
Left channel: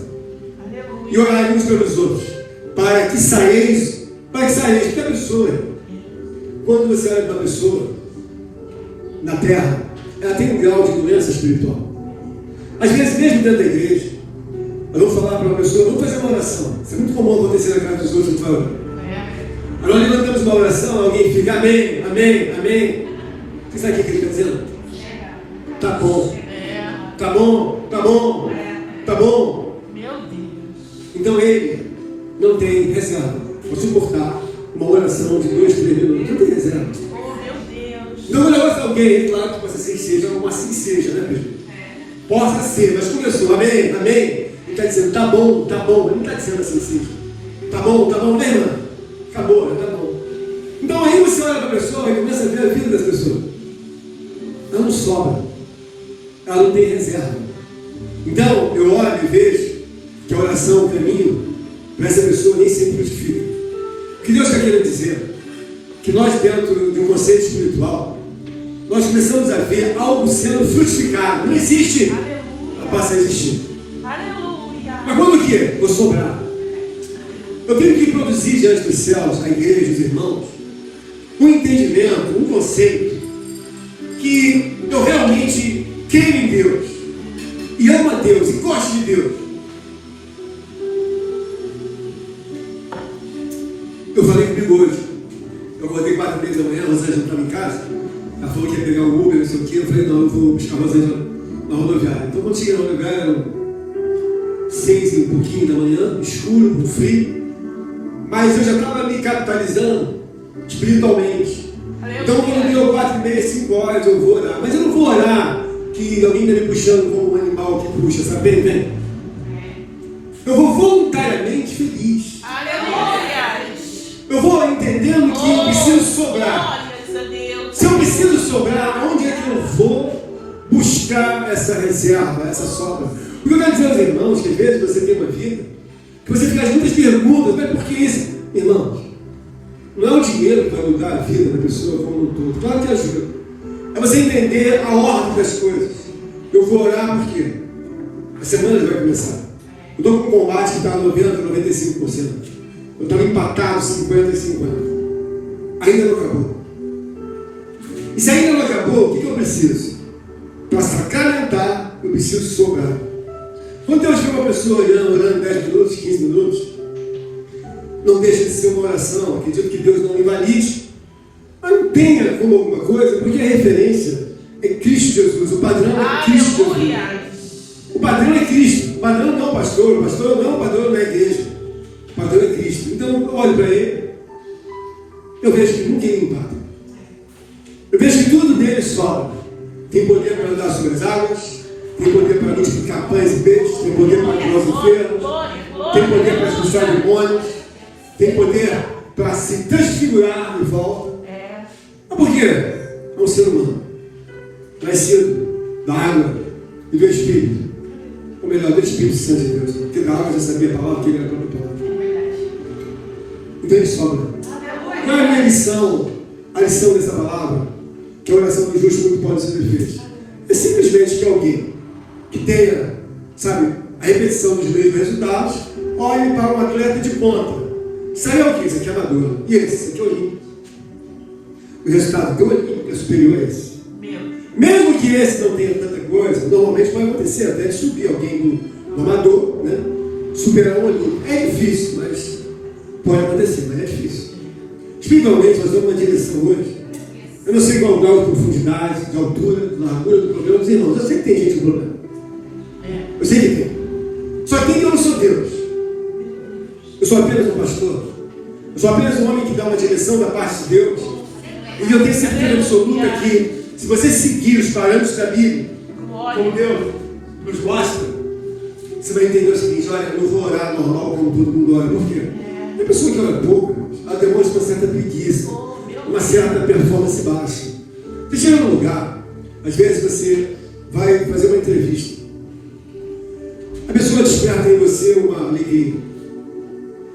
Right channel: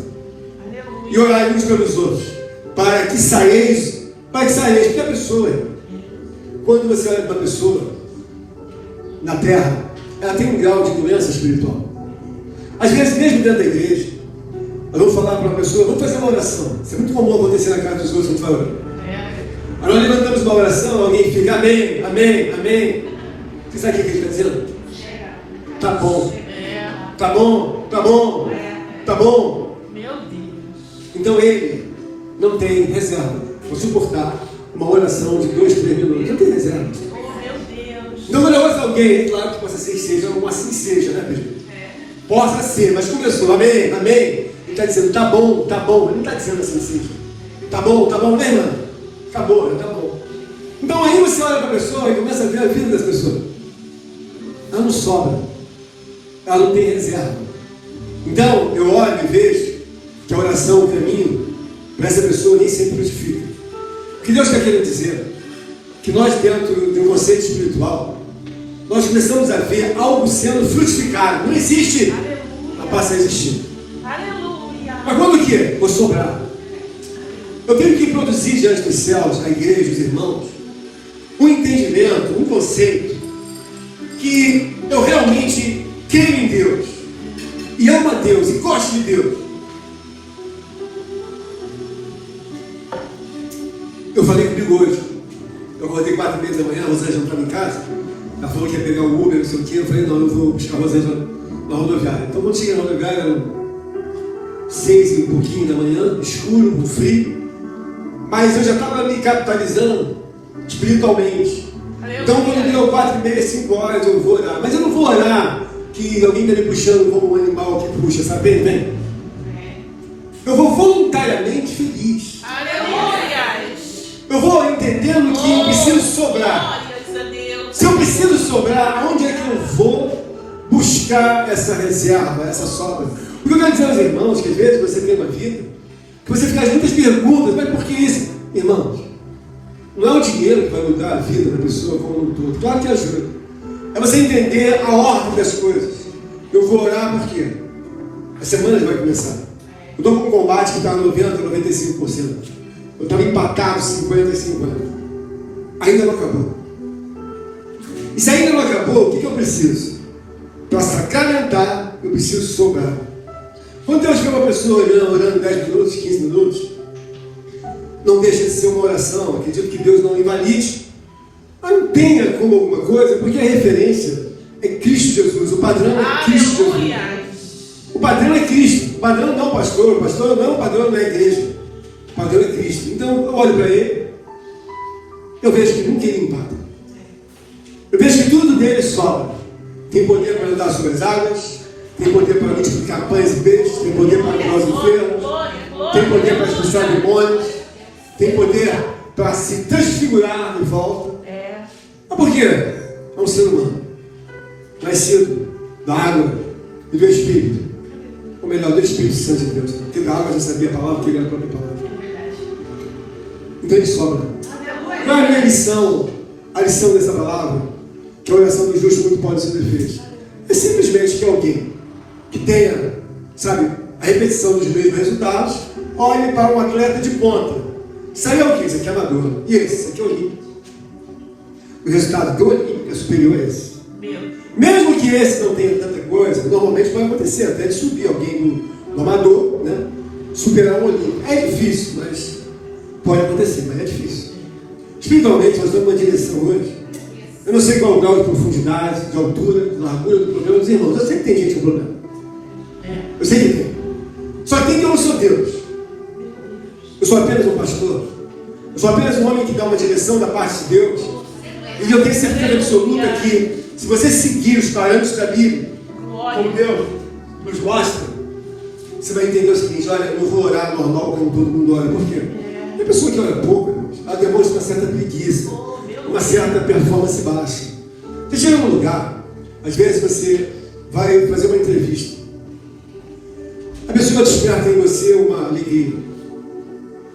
E orar uns pelos outros, para que saieis, porque a pessoa, quando você olha para a pessoa na terra, ela tem um grau de doença espiritual. Às vezes, mesmo dentro da igreja, eu vou falar para uma pessoa: vamos fazer uma oração. Isso é muito comum acontecer na casa dos outros, falando. Aí nós levantamos uma oração, alguém fica: amém, amém, amém. Você sabe o que ele está dizendo? Tá bom, tá bom, tá bom, tá bom. Meu Deus. Então ele não tem reserva para suportar uma oração de 2, 3 minutos. Não tem reserva. Oh, meu Deus. Então quando eu ouço alguém, é claro que possa ser que seja, ou assim seja, né, Pedro? Possa ser, mas começou, amém, amém. Ele está dizendo: tá bom, tá bom. Ele não está dizendo assim seja. Tá bom, né, irmã? Acabou, né? Tá bom. Então aí você olha para a pessoa e começa a ver a vida dessa pessoa. Ela não sobra. Ela não tem reserva. Então eu olho e vejo que a oração, o caminho, para essa pessoa nem sempre justifica. O que Deus está querendo dizer? Que nós, dentro de um conceito espiritual, nós começamos a ver algo sendo frutificado. Não existe, ela passa a existir. Aleluia. Mas quando que é? Vou sobrar. Eu tenho que produzir diante dos céus, na igreja, os irmãos, um entendimento, um conceito, que eu realmente creio em Deus, e amo a Deus, e gosto de Deus. Eu falei comigo hoje, eu acordei 4h30 da manhã, a Rosângela estava em casa, ela falou que ia pegar o Uber, não sei o quê, eu falei, não, eu vou buscar a Rosângela na rodoviária. Então quando cheguei na rodoviária, eram 6 e um pouquinho da manhã, escuro, com frio, mas eu já estava me capitalizando espiritualmente. Então quando deu 4h30, 5 horas, eu vou orar. Mas eu não vou orar que alguém está me puxando como um animal que puxa, sabe bem, né? Eu vou voluntariamente feliz. Eu vou entendendo que eu preciso sobrar. Se eu preciso sobrar, onde é que eu vou buscar essa reserva, essa sobra? Porque eu quero dizer aos irmãos que às vezes você tem uma vida, que você faz muitas perguntas, mas por que isso? Irmãos, não é o dinheiro que vai mudar a vida da pessoa como um todo. Claro que ajuda. É você entender a ordem das coisas. Eu vou orar por quê? A semana já vai começar. Eu estou com um combate que está 90%, 95%. Eu estou empatado 50-50. Ainda não acabou. E se ainda não acabou, o que eu preciso? Para sacramentar, eu preciso sobrar. Quando Deus vê uma pessoa orando 10 minutos, 15 minutos, não deixa de ser uma oração. Acredito que Deus não invalide. Mas não tenha como alguma coisa, porque a referência é Cristo Jesus. O padrão é Cristo Jesus. O padrão é Cristo. O padrão não é o pastor. O pastor não é o padrão da igreja. O padrão é Cristo. Então eu olho para ele, eu vejo que não tem empate. Eu vejo que tudo dele sobra. Tem poder para andar sobre as águas, tem poder para multiplicar pães e peixes, tem poder para curar os enfermos, tem poder para expulsar demônios, tem poder para se transfigurar de volta. Mas por quê? É um ser humano, nascido da água e do Espírito. Ou melhor, do Espírito Santo de Deus. Porque da água já sabia a palavra, que ele era a própria palavra. Então ele sobra. Qual é a minha lição? A lição dessa palavra, que a oração do justo muito pode ser defesa. É simplesmente que alguém que tenha, sabe, a repetição dos mesmos resultados, olhe para um atleta de ponta. Isso aí é o que? Isso aqui é amador. E esse? Isso aqui é olímpico. O resultado do olímpico é superior a esse. Mesmo que esse não tenha tanta coisa, normalmente pode acontecer até de subir alguém do amador, né? Superar um olímpico. É difícil, mas pode acontecer, mas é difícil. Espiritualmente, nós damos uma direção hoje. Eu não sei qual é o grau de profundidade, de altura, de largura do problema dos irmãos. Eu sei que tem gente com problema. Eu sei que tem. Só tem que eu não sou Deus. Eu sou apenas um pastor. Eu sou apenas um homem que dá uma direção da parte de Deus. E eu tenho certeza absoluta que, se você seguir os parâmetros da Bíblia, como Deus nos mostra, você vai entender o seguinte: olha, eu não vou orar normal como todo mundo ora. Por quê? Tem pessoa que ora pouco, ela demonstra uma certa preguiça, uma certa performance baixa. Você chega num lugar, às vezes você vai fazer uma entrevista, a pessoa desperta em você uma alegria,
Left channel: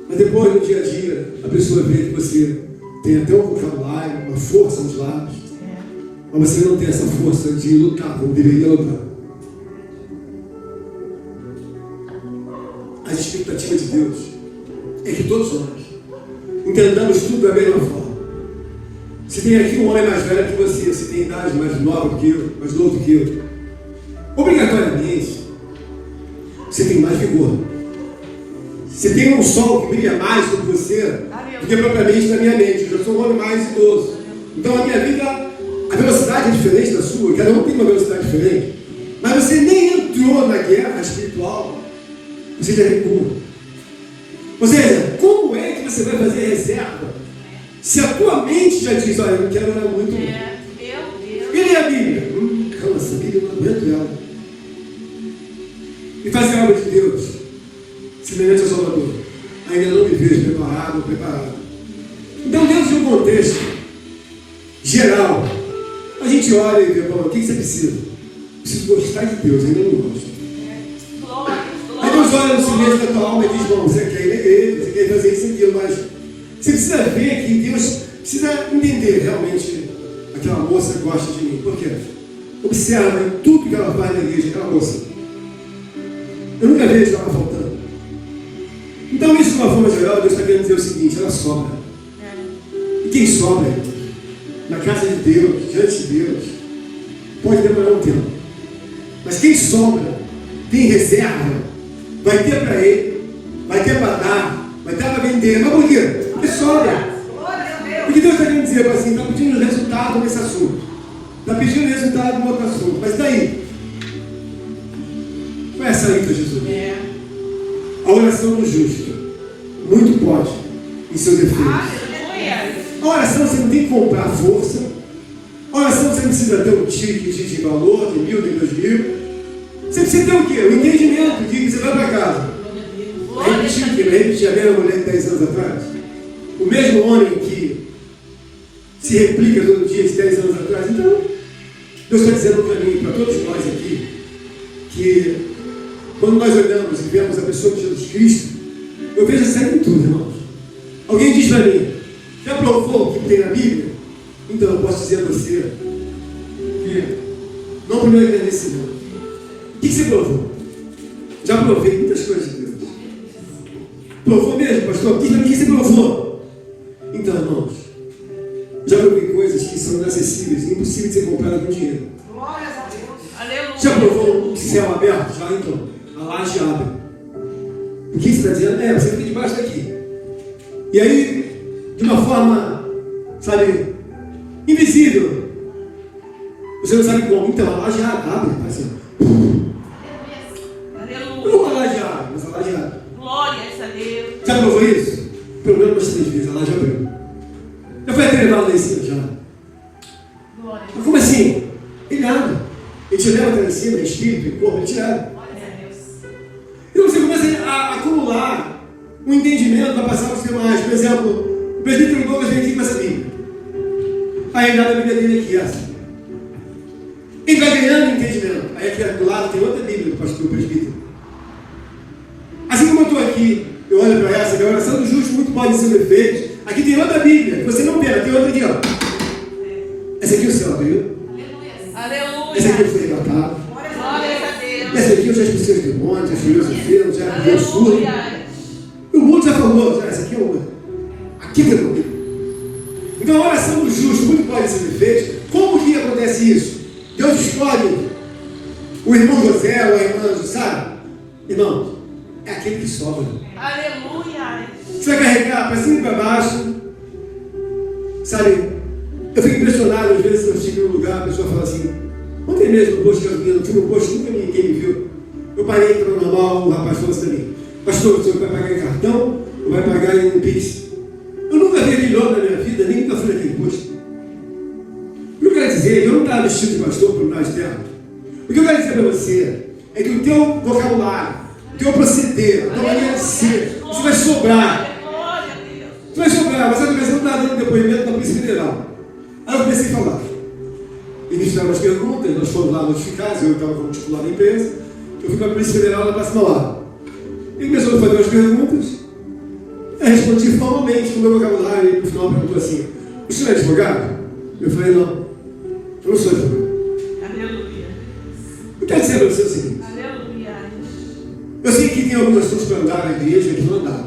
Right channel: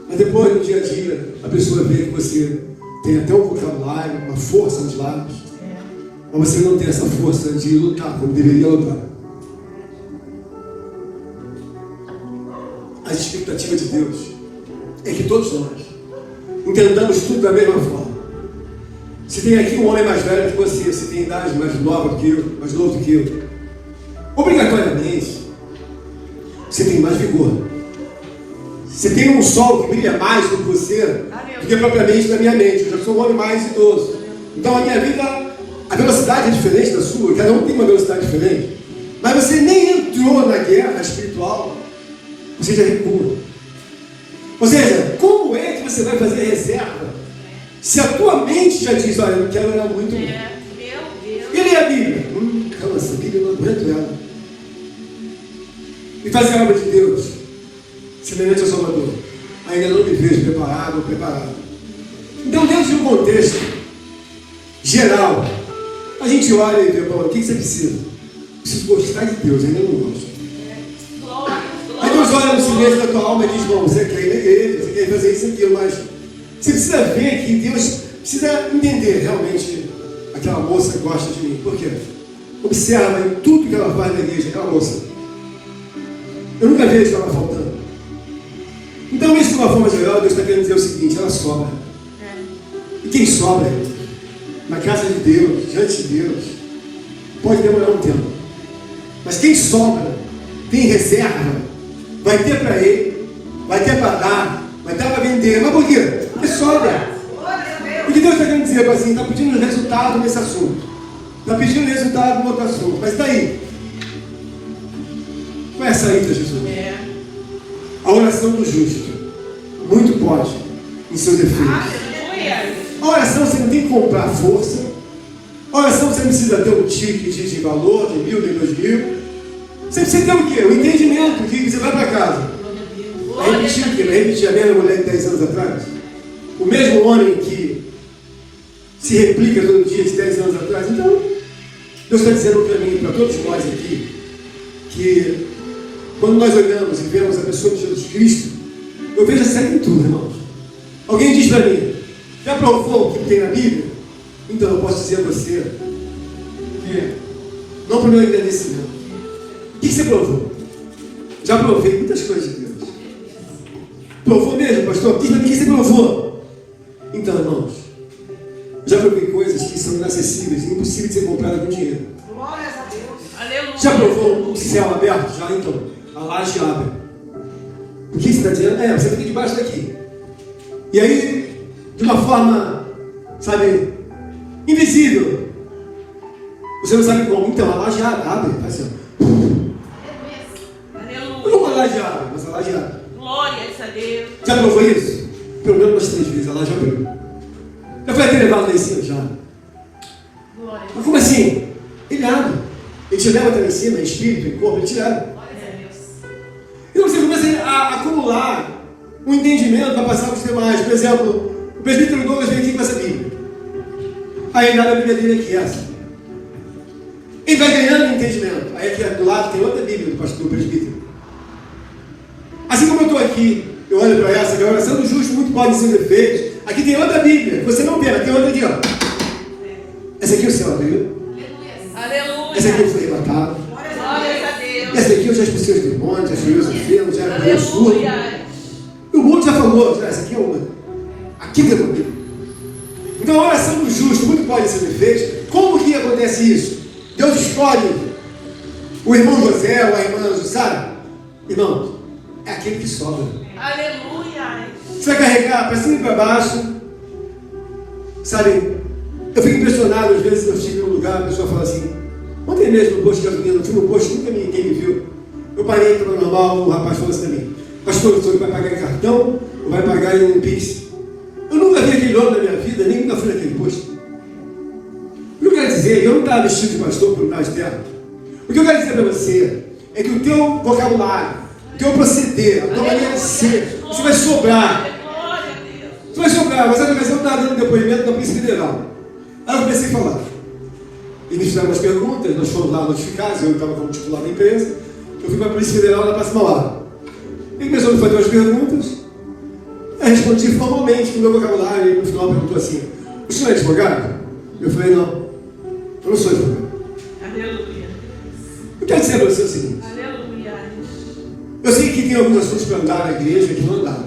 mas depois, no dia a dia, a pessoa vê que você tem até um vocabulário, uma força nos lábios, mas você não tem essa força de lutar como deveria lutar. A expectativa de Deus é que todos nós entendamos tudo da mesma forma. Se tem aqui um homem mais velho que você, se tem idade mais nova do que eu, mais novo do que eu, obrigatoriamente você tem mais vigor. Você tem um sol que brilha mais do que você, do que propriamente na minha mente. Eu já sou um homem mais idoso. Então a minha vida, a velocidade é diferente da sua, cada um tem uma velocidade diferente. Mas você nem entrou na guerra espiritual, você já recua. Ou seja, como é que você vai fazer reserva se a tua mente já diz: olha, eu não quero ela muito. E lê a Bíblia? Calma, essa Bíblia eu não aguento ela. E fazer a obra de Deus semelhante ao Salvador. Ainda não me vejo preparado ou preparado. Então, dentro de um contexto geral, a gente olha e vê: bom, o que você precisa? Preciso gostar de Deus, ainda não gosto. Aí Deus olha no silêncio da tua alma e diz: bom, você quer ir na igreja, você quer fazer isso e aquilo, mas você precisa ver que Deus precisa entender realmente aquela moça gosta de mim. Por quê? Observa em tudo que ela faz na igreja, aquela moça. Eu nunca vejo ela faltando. uma forma geral, Deus está querendo dizer o seguinte: ela sobra. E quem sobra na casa de Deus, diante de Deus, pode demorar um tempo. Mas quem sobra, tem reserva, vai ter para ele, vai ter para dar, vai ter para vender. Mas por quê? Porque sobra. O que Deus está querendo dizer assim? Está pedindo resultado nesse assunto. Está pedindo resultado no outro assunto. Mas daí? Qual é a saída, Jesus? A oração do justo muito pode em seus efeitos. A oração você não tem que comprar força. A oração você não precisa ter um ticket de valor, de 1.000, de 2.000. Você precisa ter o quê? O entendimento que você vai para casa. Vai repetir o quê? Vai repetir a mesma mulher de 10 anos atrás? O mesmo homem que se replica todo dia de 10 anos atrás. Então, Deus está dizendo para mim, para todos nós aqui, que quando nós olhamos e vemos a pessoa de Jesus Cristo, eu vejo essa em tudo, irmãos. Alguém diz para mim: já provou o que tem na Bíblia? Então eu posso dizer a você que não para o meu agradecimento. O que você provou? Já provei muitas coisas de Deus. Provou mesmo, pastor? O que você provou? Então, irmãos, já provei coisas que são inacessíveis, impossíveis de ser compradas com dinheiro. Já provou um céu aberto? Já, então. A laje abre. O que você está dizendo? Você fica debaixo daqui. E aí, de uma forma, sabe, invisível. Você não sabe como. Então, a laje abre. Assim, não a laje abre, mas a laje abre. Glória a Deus. Já provou isso? Pelo menos umas 3 vezes, a laje abriu. Eu fui até levado lá em cima já. Mas como assim? Ele abre. Ele te leva até lá em cima, em espírito, em corpo, ele te leva. Então você começa a acumular um entendimento para passar para os demais. Por exemplo, o presbítero Douglas vem aqui com essa Bíblia. Aí ele dá a Bíblia dele aqui, essa. Ele vai ganhando entendimento. Aí aqui do lado tem outra Bíblia do pastor presbítero. Assim como eu estou aqui, eu olho para essa, que a oração do justo muito pode ser feita. Aqui tem outra Bíblia, você não vê, tem outra aqui, ó. Essa aqui o céu abriu. Essa aqui eu fui arrebatado. Essa aqui eu já expulsei os demônios, já fui os enfermos, já fui o surdo. O mundo já falou, essa aqui é uma. Aqui tem comigo. Então a oração do justo muito pode ser feita. Como que acontece isso? Deus escolhe o irmão José, ou a irmã, sabe? Irmão, é aquele que sobra. Aleluia. Você vai carregar para cima e para baixo. Sabe? Eu fico impressionado, às vezes eu chego em um lugar, a pessoa fala assim: ontem mesmo no posto de gasolina, eu fui no posto, nunca ninguém me viu. Eu parei para o normal, o rapaz falou assim para mim: pastor, o senhor vai pagar em cartão ou vai pagar em Pix? Eu nunca vi aquele homem na minha vida, nem nunca fui naquele posto. O que eu quero dizer, eu não estava vestido de pastor por trás de terra. O que eu quero dizer para você é que o teu vocabulário, o teu proceder, a tua maneira de ser, você vai sobrar. Você vai sobrar. Mas outra vez eu estava dando depoimento da Polícia Federal. Aí eu comecei a falar. Eles fizeram umas perguntas, nós fomos lá notificados, eu estava como titular da empresa. Eu fui para a Polícia Federal na próxima hora. Ele começou a fazer umas perguntas. Eu respondi formalmente no meu vocabulário. E no final perguntou assim: o senhor é advogado? Eu falei: não, eu não sou advogado. Eu quero dizer para você o seguinte: eu sei que tem alguns assuntos para andar na igreja que não dá.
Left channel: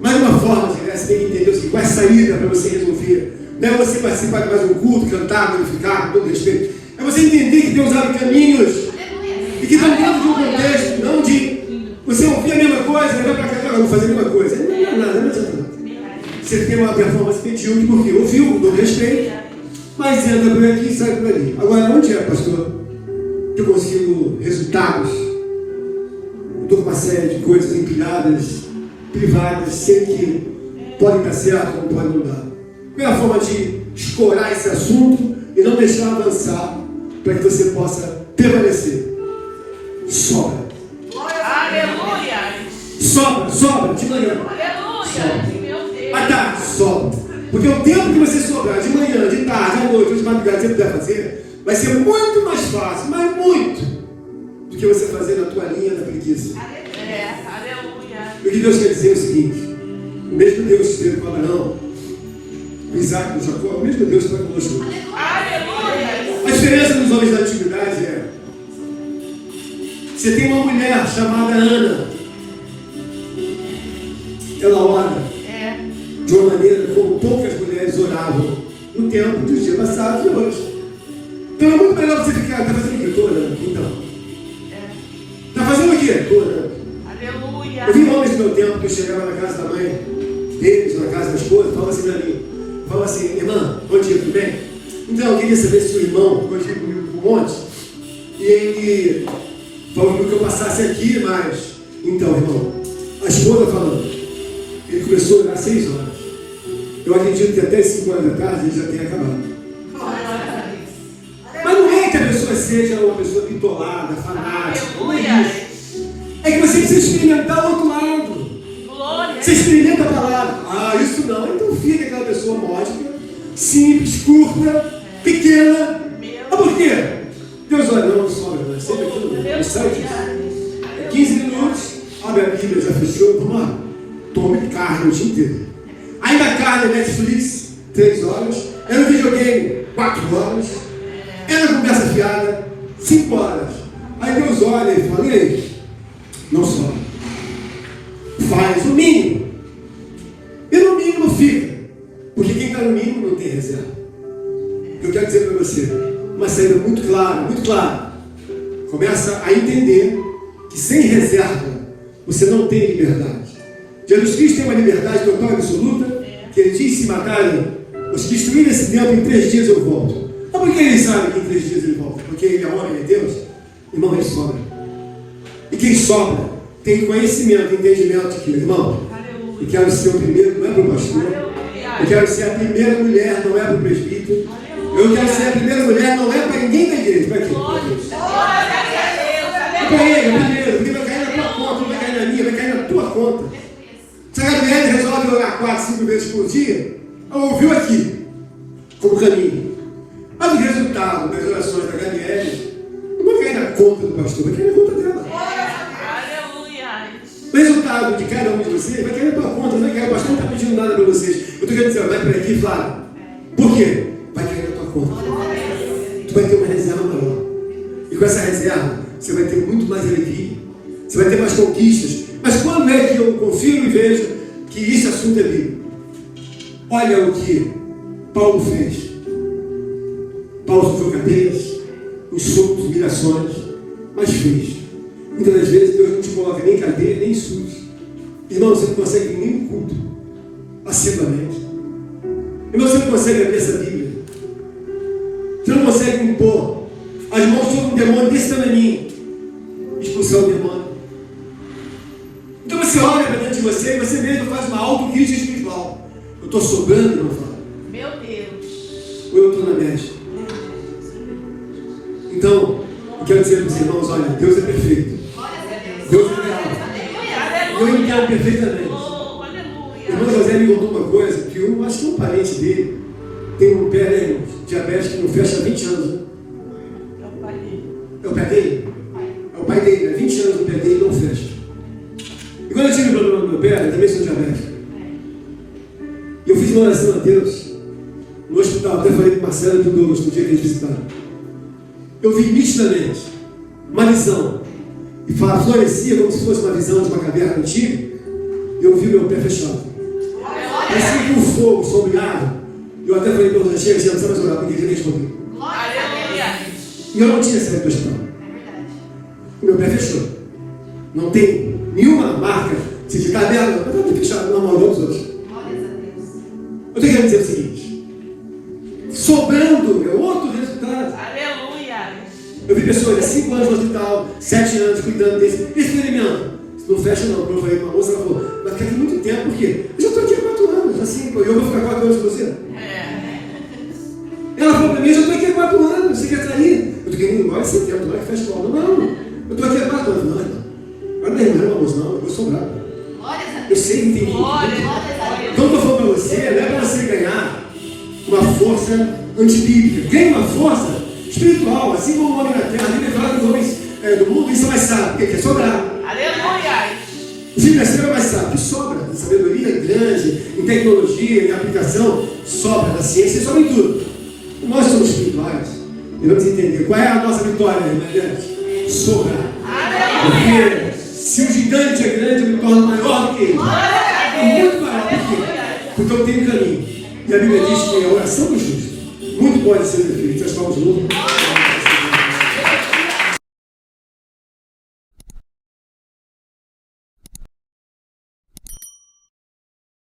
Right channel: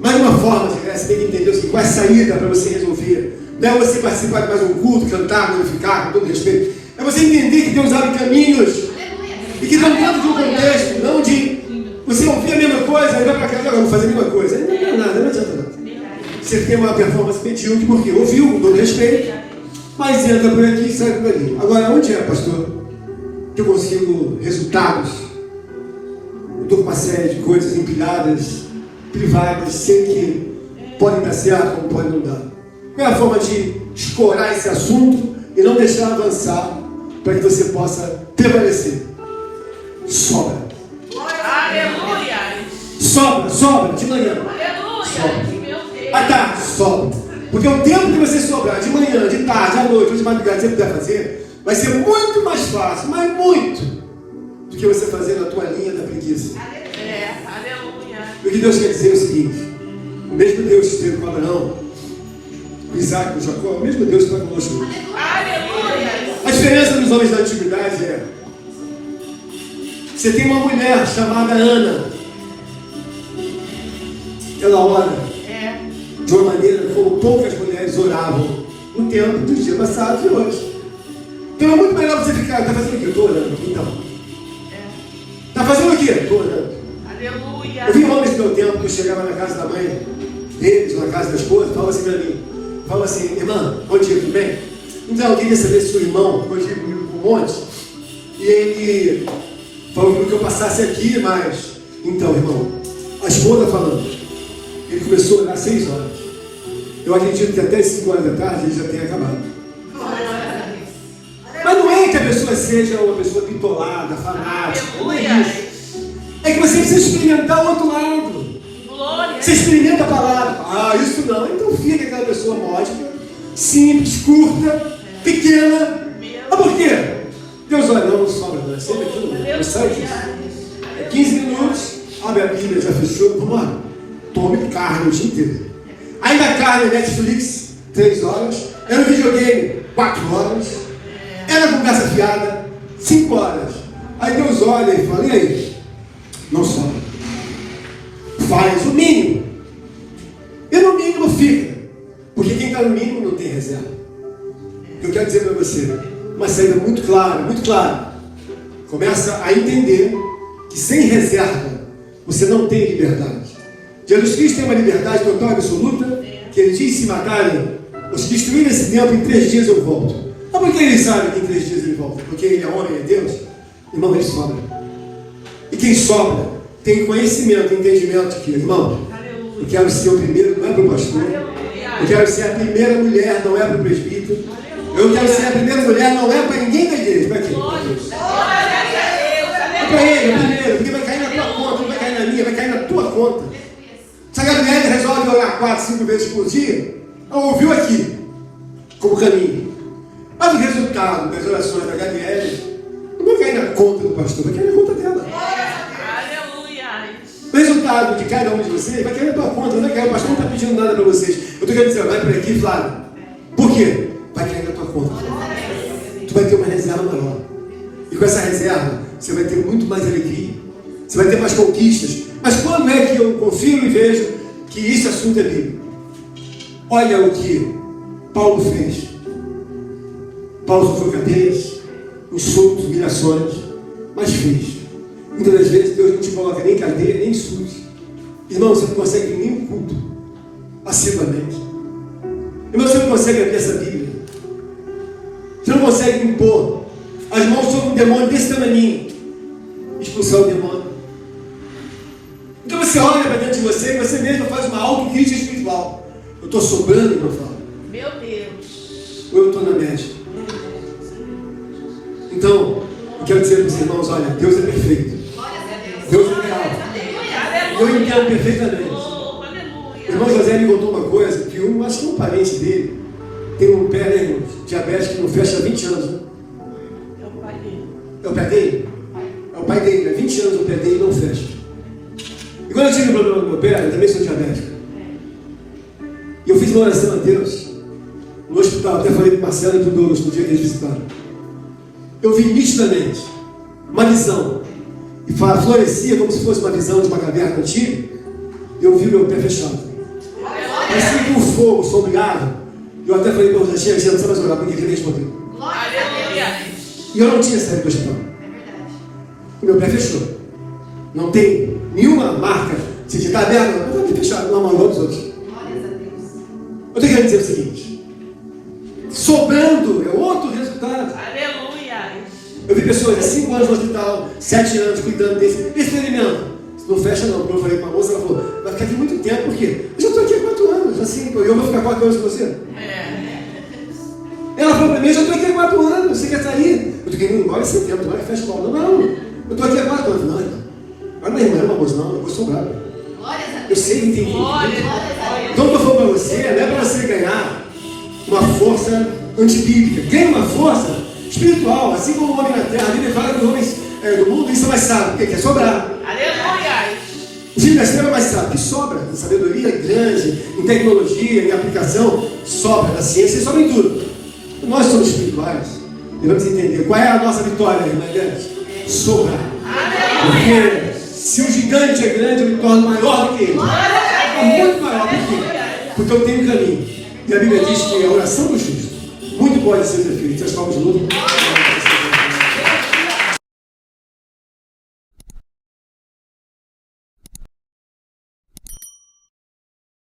Mas de uma forma de você tem que entender o seguinte: qual é a saída para você resolver? Não é você participar de mais um culto, cantar, glorificar, com todo respeito. É você entender que Deus abre caminhos e que estão dentro de um contexto, não de você ouvir a mesma coisa e vai para casa, eu vou fazer a mesma coisa. Não adianta nada, não adianta nada. Você tem uma performance medíocre porque ouviu, com todo respeito, mas entra por aqui e sai por ali. Agora, onde é, pastor, que eu consigo resultados? Eu estou com uma série de coisas empilhadas, privadas, sei que podem dar certo, como podem não dar. Qual é a forma de escorar esse assunto e não deixar avançar para que você possa prevalecer? Sobra. Aleluia. Sobra, de manhã. Aleluia. À tarde, sobra. Porque o tempo que você sobrar, de manhã, de tarde, à noite, ou de madrugada, você puder fazer, vai ser muito mais fácil, mas muito, do que você fazer na tua linha da preguiça. Aleluia. O que Deus quer dizer é o seguinte: o mesmo Deus que esteve com Abraão, com Isaac, com Jacó, o mesmo Deus está conosco. Aleluia. A diferença dos homens da antiguidade é: você tem uma mulher chamada Ana, ela ora É. de uma maneira como poucas mulheres oravam no tempo dos dias passados e hoje. Então é muito melhor você ficar, está fazendo o quê? Estou orando. Então. Está fazendo o quê? Estou orando. Aleluia. Eu vi homens no meu tempo que eu chegava na casa da mãe deles, na casa da esposa, falava assim para mim, falava assim, irmã, bom dia, tudo bem? Então eu queria saber se o irmão pode ir comigo para um monte. E ele falou que eu passasse aqui, mas então, irmão, a esposa falando, ele começou a orar às 6 horas. Eu acredito que até as 5 horas da tarde ele já tenha acabado. Mas não é que a pessoa seja uma pessoa pitolada, fanática, não é isso. É que você precisa experimentar o outro lado. Glória. Você experimenta a palavra. Ah, isso não. Então fica aquela pessoa módica, simples, curta, pequena. Mas por quê? Deus olha, não sobra, não. É sempre aquilo mesmo. Não sai disso. 15 minutos, abre a Bíblia, já fechou. Vamos lá. Tome carne o dia inteiro. Aí na carne, Netflix, 3 horas. É no videogame, 4 horas. É na conversa fiada, 5 horas. Aí Deus olha e fala, e aí? Não sobra. Faz o mínimo. E no mínimo fica. Porque quem está no mínimo não tem reserva. Eu quero dizer para você, uma saída muito clara, muito clara. Começa a entender que sem reserva você não tem liberdade. Jesus Cristo tem uma liberdade total e absoluta, que ele diz: se matarem ou se destruírem esse templo, em 3 dias eu volto. Mas por que ele sabe que em 3 dias ele volta? Porque ele é homem, é Deus? Irmão, ele sobra. E quem sobra tem conhecimento, entendimento de que, irmão, eu quero ser o primeiro, não é para o pastor. Eu quero ser a primeira mulher, não é para o presbítero. Eu quero ser a primeira mulher, não é para ninguém da igreja. Para quê? Para Deus. É para ele, é primeiro, porque vai cair na tua conta, não vai cair na minha, vai cair na tua conta. Se a Gabriela resolve orar 4, 5 vezes por dia, ela ouviu aqui, como caminho. Mas o resultado das orações da Gabriela não vai cair na conta do pastor, vai cair na conta dela. O resultado de cada um de vocês vai cair na tua conta, não vai cair. O pastor não está pedindo nada para vocês. Eu estou querendo dizer, vai para aqui, Flávio. Por quê? Vai cair na tua conta. Tu vai ter uma reserva maior. E com essa reserva, você vai ter muito mais alegria. Você vai ter mais conquistas. Mas quando é que eu confio e vejo que esse assunto é bíblico? Olha o que Paulo fez. Paulo sofreu cadeias, insultos, humilhações, mas fez. Muitas das vezes Deus não te coloca nem cadeia, nem insultos. Irmão, você não consegue vir nem um culto assiduamente. Irmão, você não consegue abrir essa Bíblia. Você não consegue impor as mãos sobre um demônio desse tamanho, expulsar o demônio. Então você olha para dentro de você e você mesmo faz uma autocrítica espiritual. Eu estou sobrando, meu Fábio? Meu Deus. Ou eu estou na média? Então, eu quero dizer para os irmãos, olha, Deus é perfeito. Deus é real. Eu entendo perfeitamente. O irmão José me contou uma coisa, que acho que um parente dele tem um pé diabético que não fecha há 20 anos. Né? É o pai dele? É o pai dele, há 20 anos o pé dele não fecha. E quando eu tive um problema no meu pé, eu também sou diabético. E eu fiz uma oração a Deus no hospital, até falei para o Marcelo e para o Douglas no dia que eles visitaram. Eu vi nitidamente uma visão, e florescia como se fosse uma visão de uma caverna antiga, e eu vi meu pé fechado. Parecia com fogo sombreado. Eu até falei para o Douglas, chega, não precisa mais orar, porque ele respondeu. E eu não tinha saído do hospital. O meu pé fechou. Não tem nenhuma marca. Se está aberto, eu estou aqui fechado, não amalou dos outros. Eu tenho que dizer o seguinte: sobrando é outro resultado. Eu vi pessoas há 5 anos no hospital, 7 anos cuidando desse experimento. Não fecha não, como eu falei com uma moça, ela falou, vai ficar aqui muito tempo, por quê? Eu já estou aqui há 4 anos, assim, eu vou ficar 4 anos com você? Ela falou para mim, eu já estou aqui há 4 anos, você quer sair? Eu estou querendo ir embora esse tempo, não é que fecha logo. Não, eu estou aqui há 4 anos. Não, então. Agora não é irmã, uma moça, não, eu vou sobrar. Eu sei, entendi. Então, eu falo para você, não é para você ganhar uma força antibíblica, ganha uma força espiritual, assim como o homem na terra. A Bíblia fala que os homens do mundo isso é mais sábio, porque quer sobrar. O filho da estrela é mais sábio, que sobra em sabedoria grande, em tecnologia, em aplicação, sobra na ciência e sobra em tudo. Nós somos espirituais, devemos entender qual é a nossa vitória, irmã Deus? Sobrar. Porque se o gigante é grande, eu me torno maior do que ele. É muito maior. Por quê? Porque eu tenho caminho. E a Bíblia diz que a oração do justo muito pode ser feita. As palmas de luta.